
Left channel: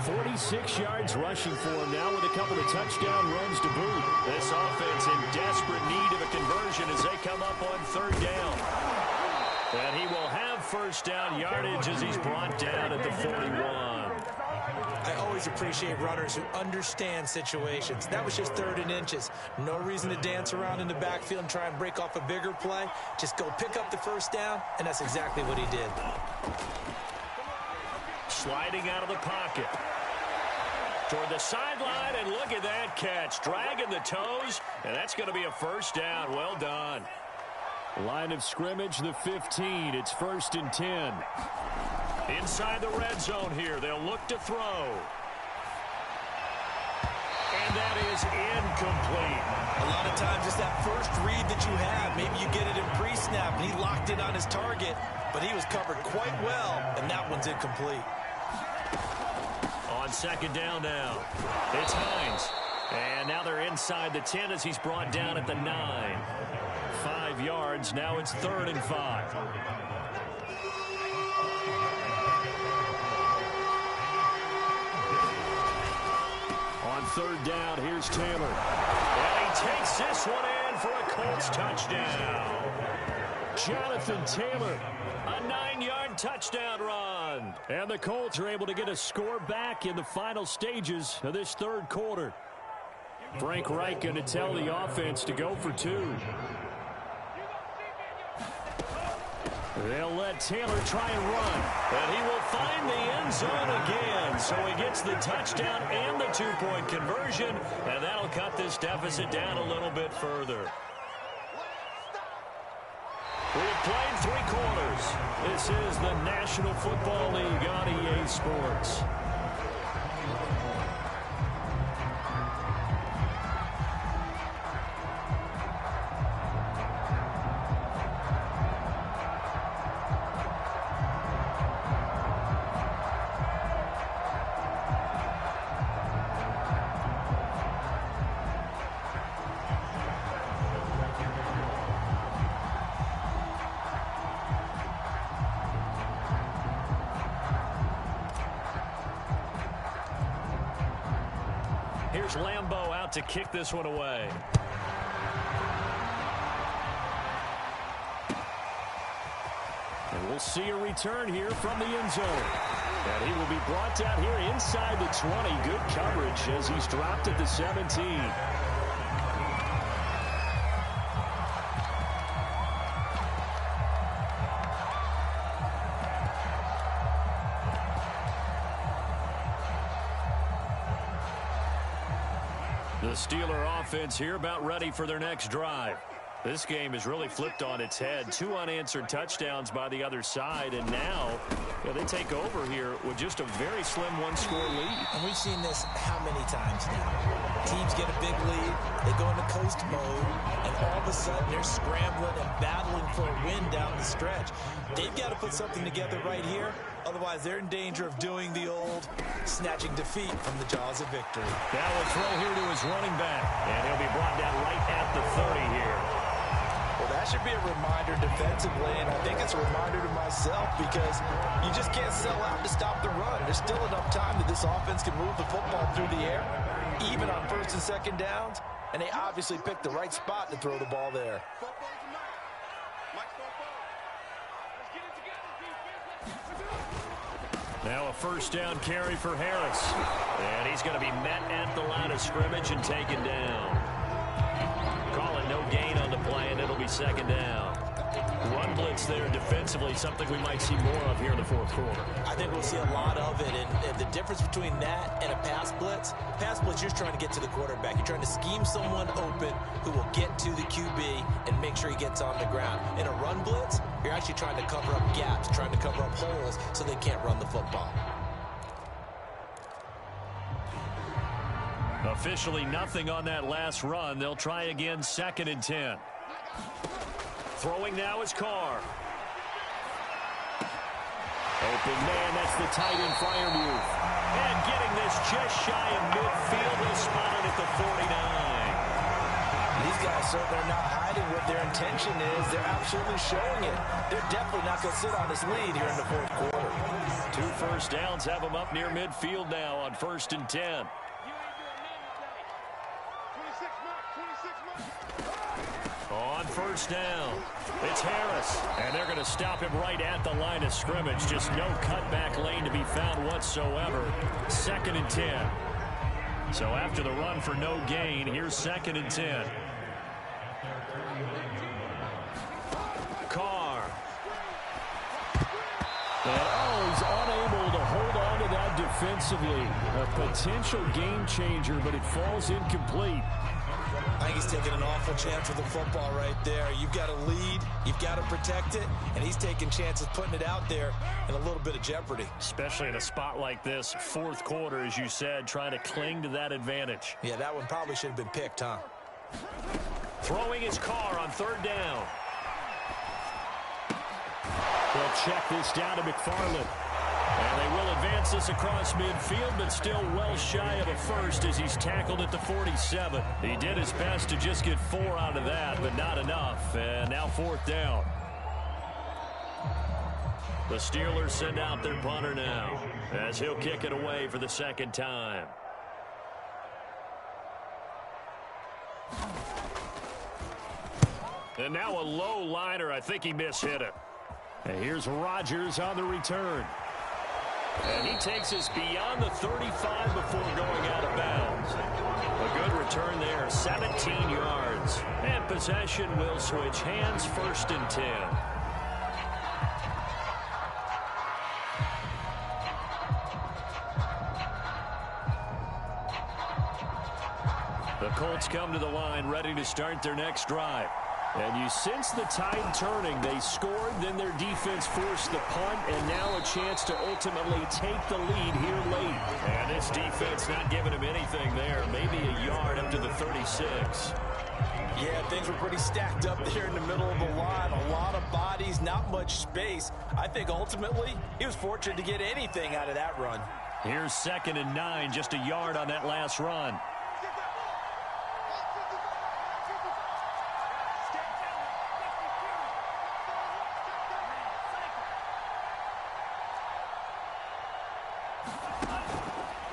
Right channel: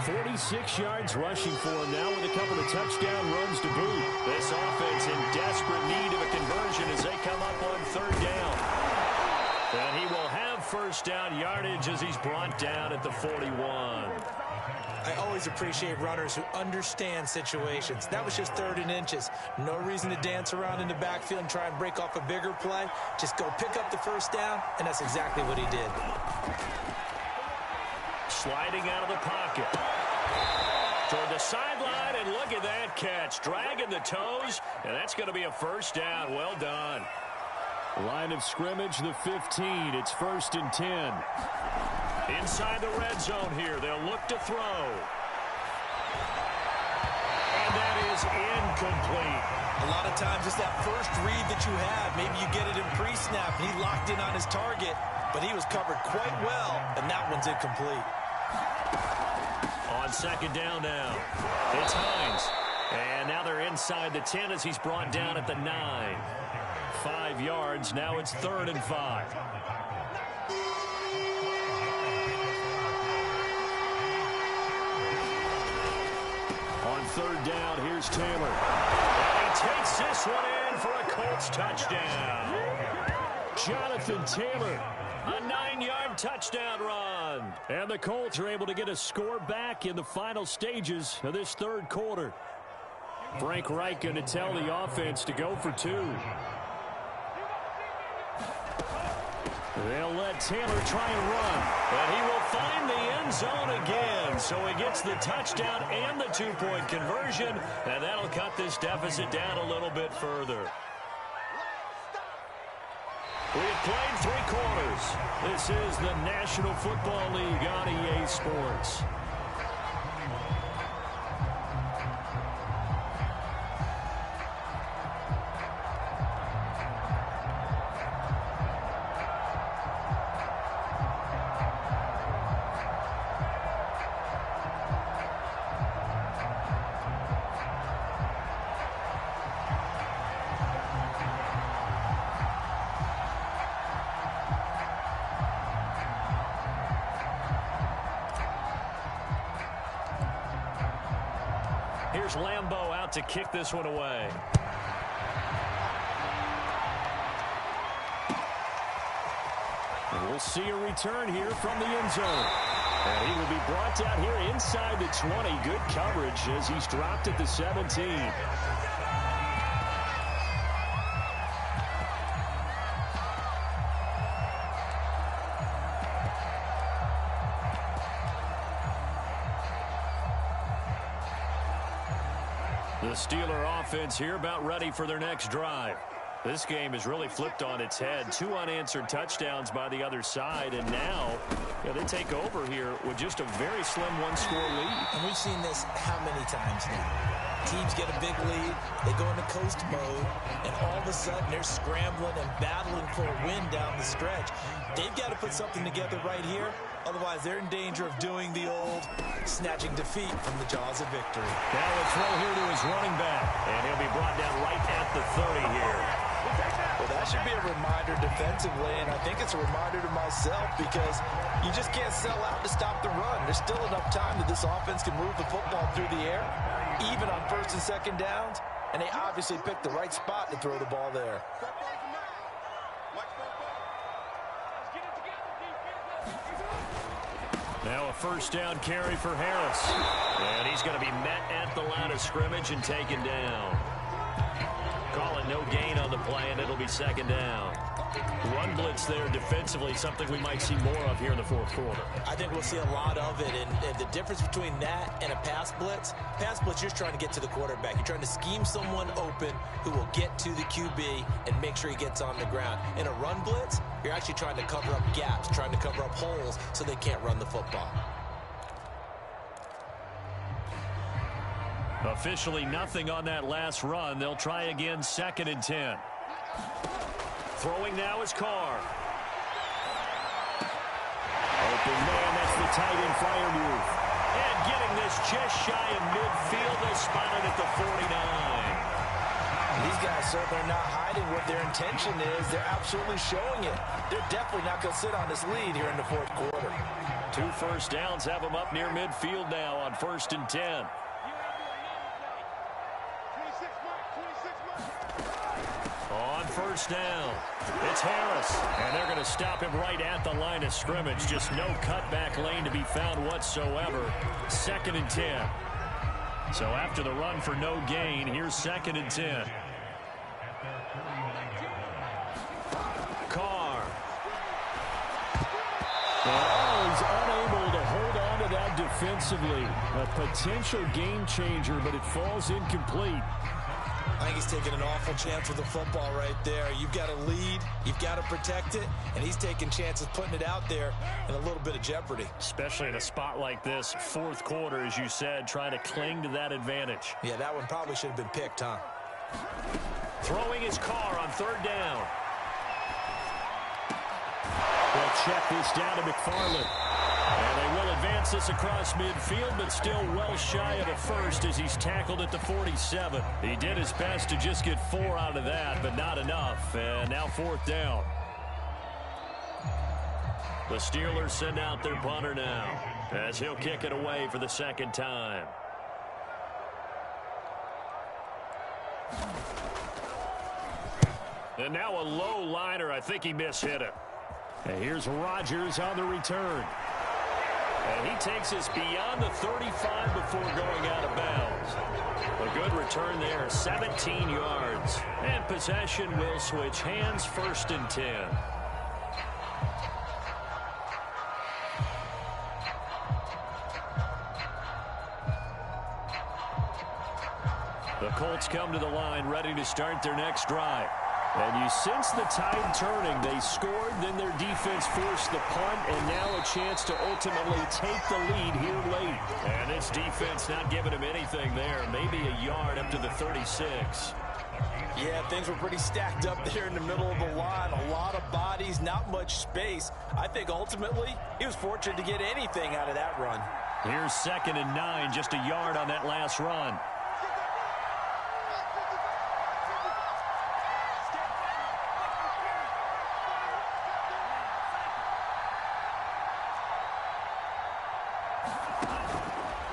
46 yards rushing for him now with a couple of touchdown runs to boot. This offense in desperate need of a conversion as they come up on 3rd down. And he will have 1st down yardage as he's brought down at the 41. I always appreciate runners who understand situations. That was just 3rd and inches. No reason to dance around in the backfield and try and break off a bigger play. Just go pick up the 1st down, and that's exactly what he did. Sliding out of the pocket. Toward the sideline, and look at that catch. Dragging the toes, and that's going to be a 1st down. Well done. Line of scrimmage, the 15. It's 1st and 10. Inside the red zone here. They'll look to throw. And that is incomplete. A lot of times it's that first read that you have. Maybe you get it in pre-snap, and he locked in on his target, but he was covered quite well, and that one's incomplete. On 2nd down now, it's Hines. And now they're inside the 10 as he's brought down at the 9. 5 yards. Now it's 3rd and 5. On 3rd down, here's Taylor. And he takes this one in for a Colts touchdown. Jonathan Taylor, a 9-yard touchdown run. run. And the Colts are able to get a score back in the final stages of this third quarter. Frank Reich going to tell the offense to go for two. They'll let Taylor try and run. And he will find the end zone again. So he gets the touchdown and the two-point conversion. And that'll cut this deficit down a little bit further. We have played 3 quarters. This is the National Football League on EA Sports. Here's Lambeau out to kick this one away. And we'll see a return here from the end zone. And he will be brought down here inside the 20. Good coverage as he's dropped at the 17. The Steeler offense here about ready for their next drive. This game is really flipped on its head. 2 unanswered touchdowns by the other side, and now they take over here with just a very slim one-score lead. And we've seen this how many times now? Teams get a big lead, they go into coast mode, and all of a sudden they're scrambling and battling for a win down the stretch. They've got to put something together right here. Otherwise, they're in danger of doing the old snatching defeat from the jaws of victory. Now a throw here to his running back, and he'll be brought down right at the 30 here. Well, that should be a reminder defensively, and I think it's a reminder to myself because you just can't sell out to stop the run. There's still enough time that this offense can move the football through the air, even on first and second downs, and they obviously picked the right spot to throw the ball there. Now a first down carry for Harris. And he's going to be met at the line of scrimmage and taken down. Call it no gain on the play, and it'll be second down. Run blitz there defensively, something we might see more of here in the fourth quarter. I think we'll see a lot of it, and the difference between that and a pass blitz, you're just trying to get to the quarterback. You're trying to scheme someone open who will get to the QB and make sure he gets on the ground. In a run blitz, you're actually trying to cover up gaps, trying to cover up holes so they can't run the football. Officially nothing on that last run. They'll try again, 2nd and 10. Throwing now is Carr. Open man, that's the tight end Freiermuth. And getting this just shy of midfield, they'll spot it at the 49. These guys certainly are not hiding what their intention is. They're absolutely showing it. They're definitely not going to sit on this lead here in the fourth quarter. 2 first downs have them up near midfield now on 1st and 10. On first down, it's Harris, and they're going to stop him right at the line of scrimmage. Just no cutback lane to be found whatsoever. 2nd and 10. So after the run for no gain, here's 2nd and 10. Carr. And he's unable to hold on to that defensively. A potential game changer, but it falls incomplete. I think he's taking an awful chance with the football right there. You've got to lead, you've got to protect it, and he's taking chances putting it out there in a little bit of jeopardy. Especially in a spot like this, fourth quarter, as you said, trying to cling to that advantage. Yeah, that one probably should have been picked, huh? Throwing his Carr on 3rd down. They'll check this down to McFarland. And they will advance this across midfield, but still well shy of a first as he's tackled at the 47. He did his best to just get 4 out of that, but not enough. And now 4th down. The Steelers send out their punter now as he'll kick it away for the 2nd time. And now a low liner. I think he mishit it. And here's Rodgers on the return. And he takes us beyond the 35 before going out of bounds. A good return there, 17 yards. And possession will switch hands, 1st and 10. The Colts come to the line, ready to start their next drive. And you sense the tide turning. They scored, then their defense forced the punt, and now a chance to ultimately take the lead here late. And this defense not giving him anything there. Maybe a yard up to the 36. Yeah, things were pretty stacked up there in the middle of the line. A lot of bodies, not much space. I think ultimately he was fortunate to get anything out of that run. Here's 2nd and 9, just a yard on that last run.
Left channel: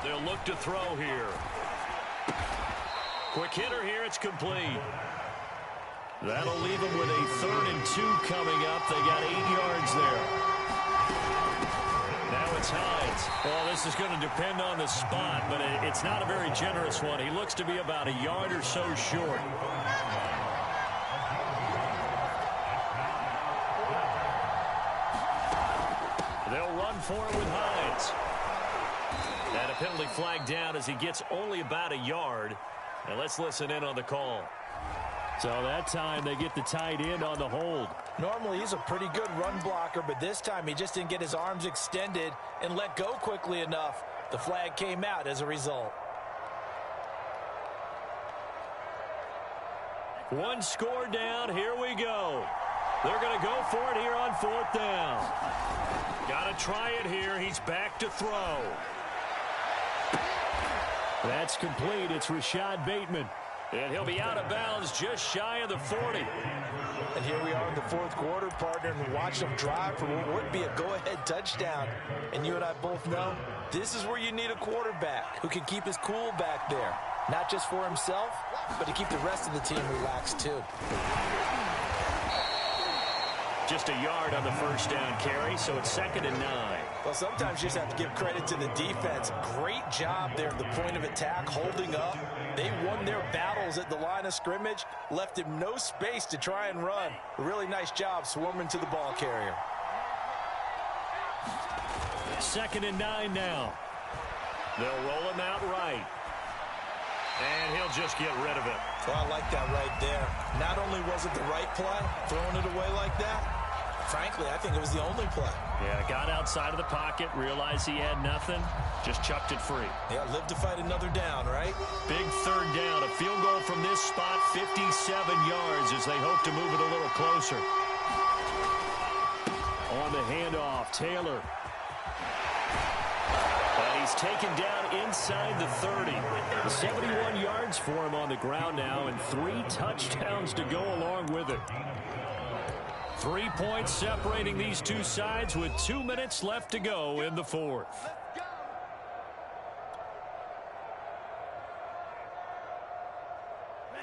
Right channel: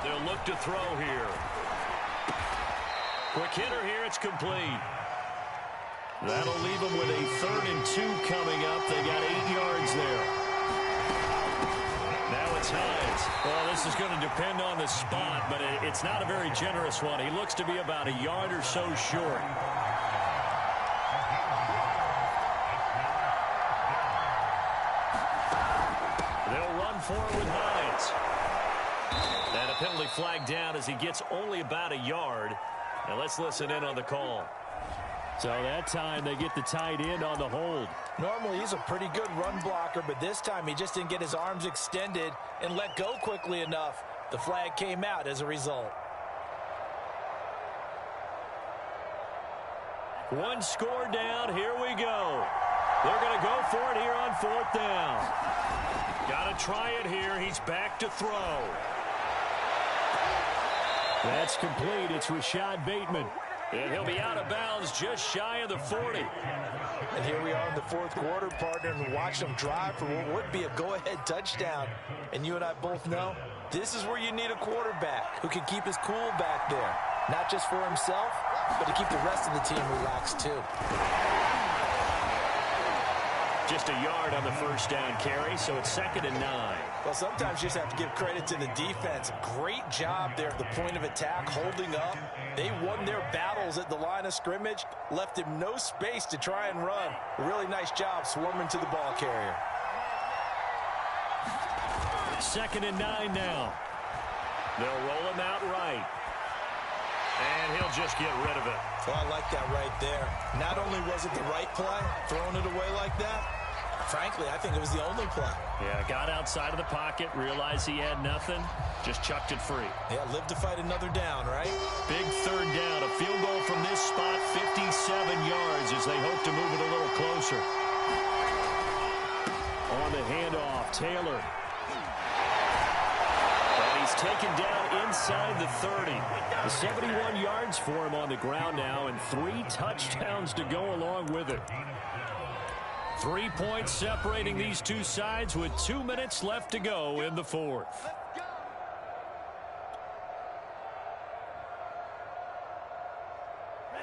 They'll look to throw here. Quick hitter here, it's complete. That'll leave them with a 3rd and 2 coming up. They got 8 yards there. Now it's Hines. Well, this is going to depend on the spot, but it's not a very generous one. He looks to be about a yard or so short. They'll run for it with Hines. And a penalty flag down as he gets only about a yard. Now let's listen in on the call. So that time they get the tight end on the hold. Normally he's a pretty good run blocker, but this time he just didn't get his arms extended and let go quickly enough. The flag came out as a result. One score down. Here we go. They're going to go for it here on 4th down. Got to try it here. He's back to throw. That's complete. It's Rashad Bateman. And he'll be out of bounds just shy of the 40. And here we are in the 4th quarter, partner, and watch them drive for what would be a go-ahead touchdown. And you and I both know this is where you need a quarterback who can keep his cool back there. Not just for himself, but to keep the rest of the team relaxed too. Just a yard on the 1st down carry, so it's 2nd and 9. Well, sometimes you just have to give credit to the defense. Great job there at the point of attack, holding up. They won their battles at the line of scrimmage, left him no space to try and run. A really nice job swarming to the ball carrier. 2nd and 9 now. They'll roll him out right. And he'll just get rid of it. So I like that right there. Not only was it the right play, throwing it away like that, frankly, I think it was the only play. Yeah, got outside of the pocket, realized he had nothing, just chucked it free. Yeah, live to fight another down, right? Big 3rd down, a field goal from this spot, 57 yards as they hope to move it a little closer. On the handoff, Taylor. And he's taken down inside the 30. 71 yards for him on the ground now, and 3 touchdowns to go along with it. 3 points separating these two sides with 2 minutes left to go in the 4th.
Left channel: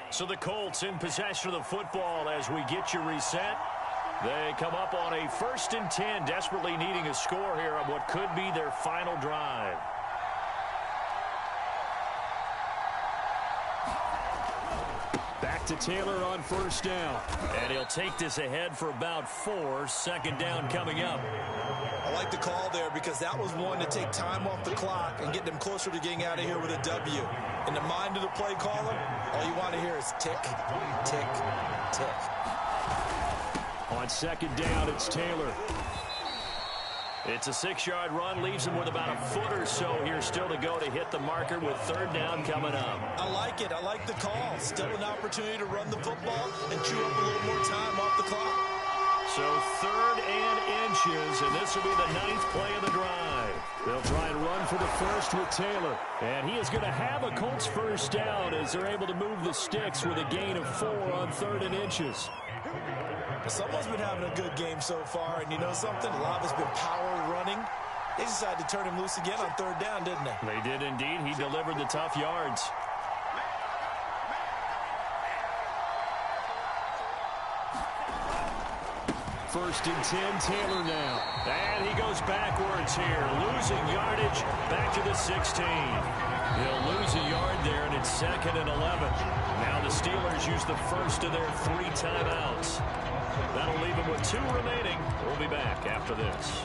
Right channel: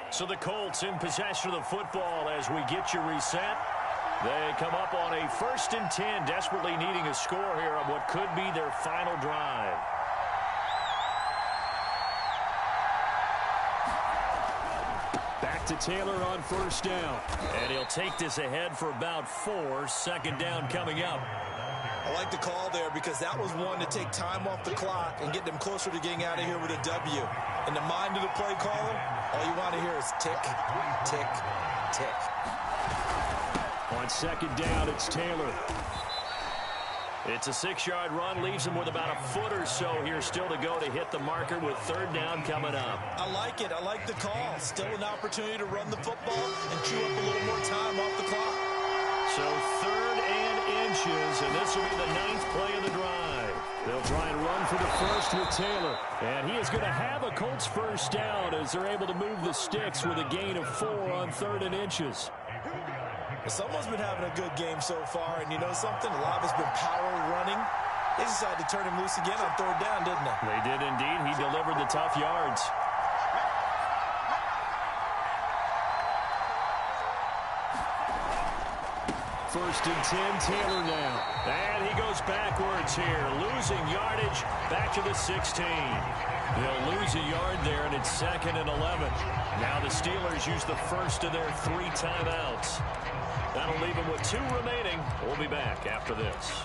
So the Colts in possession of the football as we get you reset. They come up on a 1st and 10, desperately needing a score here on what could be their final drive. Back to Taylor on 1st down. And he'll take this ahead for about 4. 2nd down coming up. I like the call there because that was one to take time off the clock and get them closer to getting out of here with a W. In the mind of the play caller, all you want to hear is tick, tick, tick. On 2nd down, it's Taylor. It's a 6-yard run, leaves him with about a foot or so here still to go to hit the marker with 3rd down coming up. I like it. I like the call. Still an opportunity to run the football and chew up a little more time off the clock. So 3rd and inches, and this will be the 9th play of the drive. They'll try and run for the 1st with Taylor. And he is going to have a Colts 1st down as they're able to move the sticks with a gain of 4 on 3rd and inches. Someone's been having a good game so far, and you know something? A lot of it's been power running. They decided to turn him loose again on 3rd down, didn't they? They did indeed. He delivered the tough yards. first and 10. Taylor now. And he goes backwards here, losing yardage back to the 16. They'll lose a yard there, and it's 2nd and 11. Now the Steelers use the first of their 3 timeouts. That'll leave them with 2 remaining. We'll be back after this.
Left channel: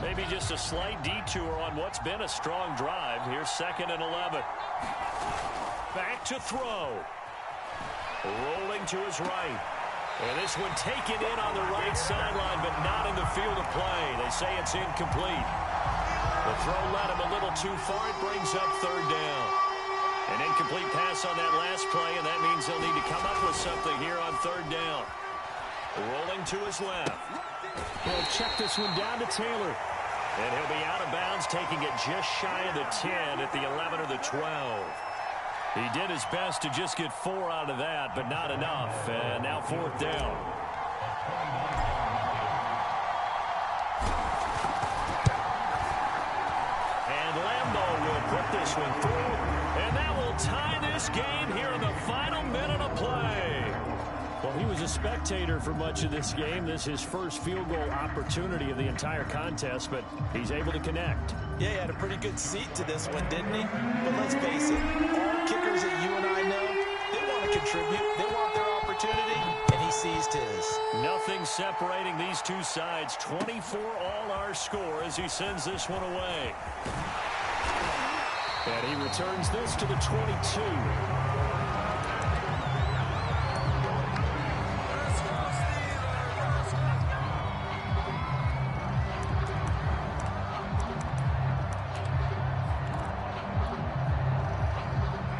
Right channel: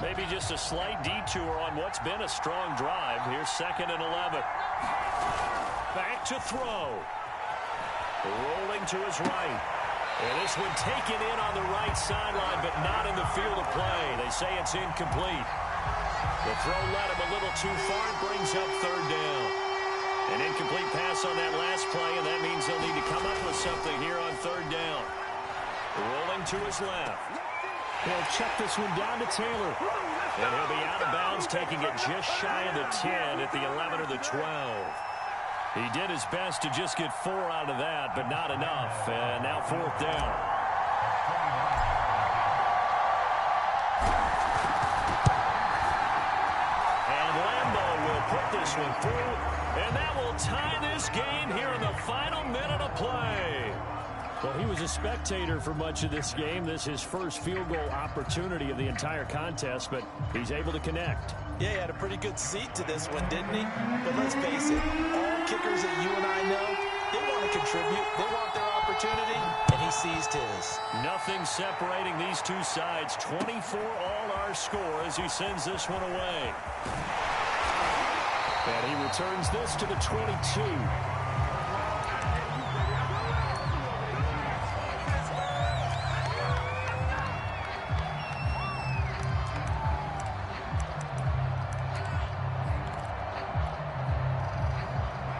Maybe just a slight detour on what's been a strong drive. Here's 2nd and 11. Back to throw. Rolling to his right. And this one taken in on the right sideline, but not in the field of play. They say it's incomplete. The throw led him a little too far. It brings up 3rd down. An incomplete pass on that last play, and that means they'll need to come up with something here on 3rd down. Rolling to his left. They'll check this one down to Taylor. And he'll be out of bounds, taking it just shy of the 10 at the 11 or the 12. He did his best to just get 4 out of that, but not enough. And now 4th down. And Lambeau will put this one through. And that will tie this game here in the final minute of play. Well, he was a spectator for much of this game. This is his first field goal opportunity of the entire contest, but he's able to connect. Yeah, he had a pretty good seat to this one, didn't he? But let's face it, all kickers that you and I know, they want to contribute. They want their opportunity, and he seized his. Nothing separating these two sides. 24 all our score as he sends this one away. And he returns this to the 22.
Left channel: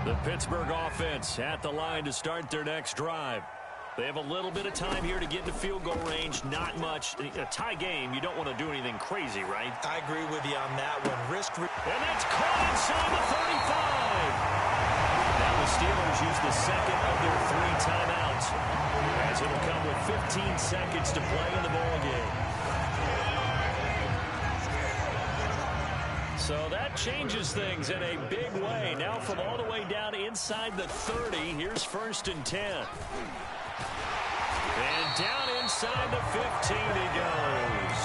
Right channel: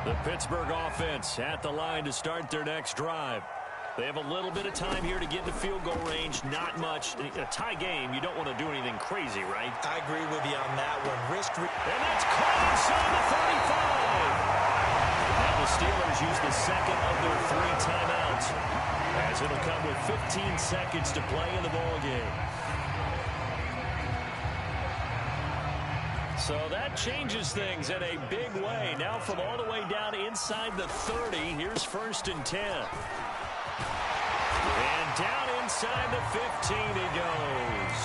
The Pittsburgh offense at the line to start their next drive. They have a little bit of time here to get into field goal range. Not much. A tie game, you don't want to do anything crazy, right? I agree with you on that one. And that's caught inside the 35. Now the Steelers use the 2nd of their 3 timeouts, as it'll come with 15 seconds to play in the ball game. So that changes things in a big way. Now from all the way down inside the 30, here's 1st and 10. And down inside the 15 he goes.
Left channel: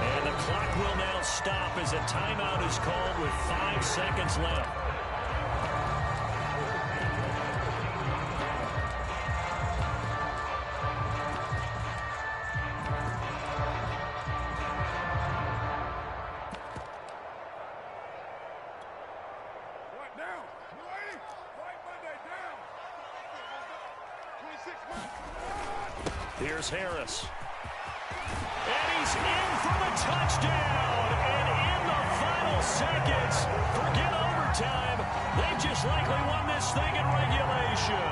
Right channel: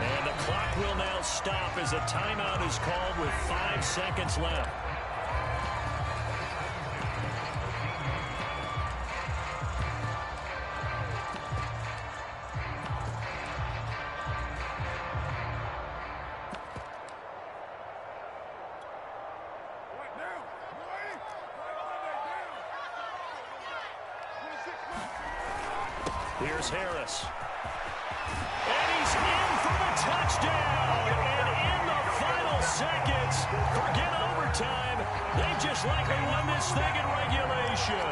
And the clock will now stop as a timeout is called with 5 seconds left. Here's Harris. And he's in for the touchdown. And in the final seconds, forget overtime. They just likely won this thing in regulation.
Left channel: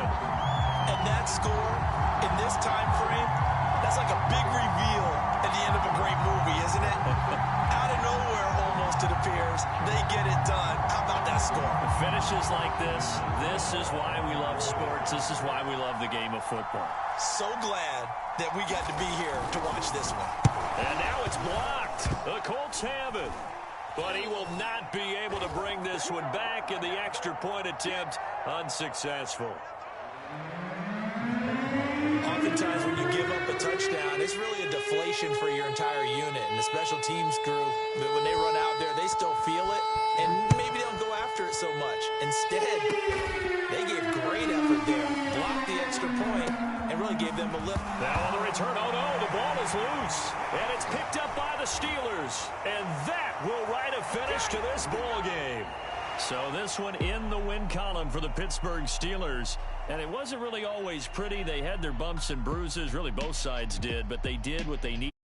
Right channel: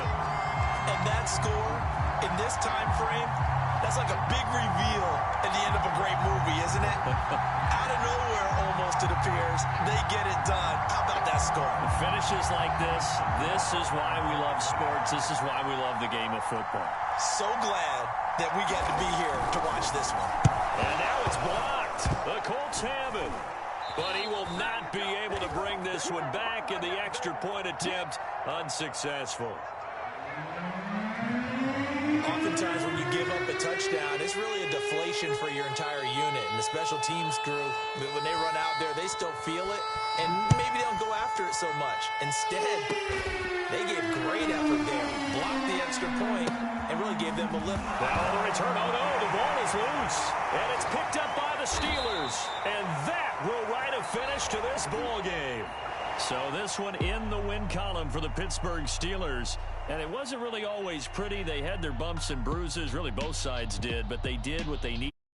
And that score in this time frame, that's like a big reveal at the end of a great movie, isn't it? Out of nowhere, almost, it appears, they get it done. How about that score? Finishes like this is why we love sports. This is why we love the game of football. So glad that we get to be here to watch this one. And now it's blocked. The Colts have it. But he will not be able to bring this one back, and the extra point attempt unsuccessful. Oftentimes when you give up a touchdown, it's really a deflation for your entire unit. And the special teams crew, when they run out there, they still feel it. And maybe they don't go after it so much. Instead, they gave great effort there. Blocked the extra point and really gave them a lift. Now on the return, oh no, the ball is loose. And it's picked up by the Steelers. And that will write a finish to this ball game. So this one in the win column for the Pittsburgh Steelers. And it wasn't really always pretty. They had their bumps and bruises. Really both sides did. But they did what they needed.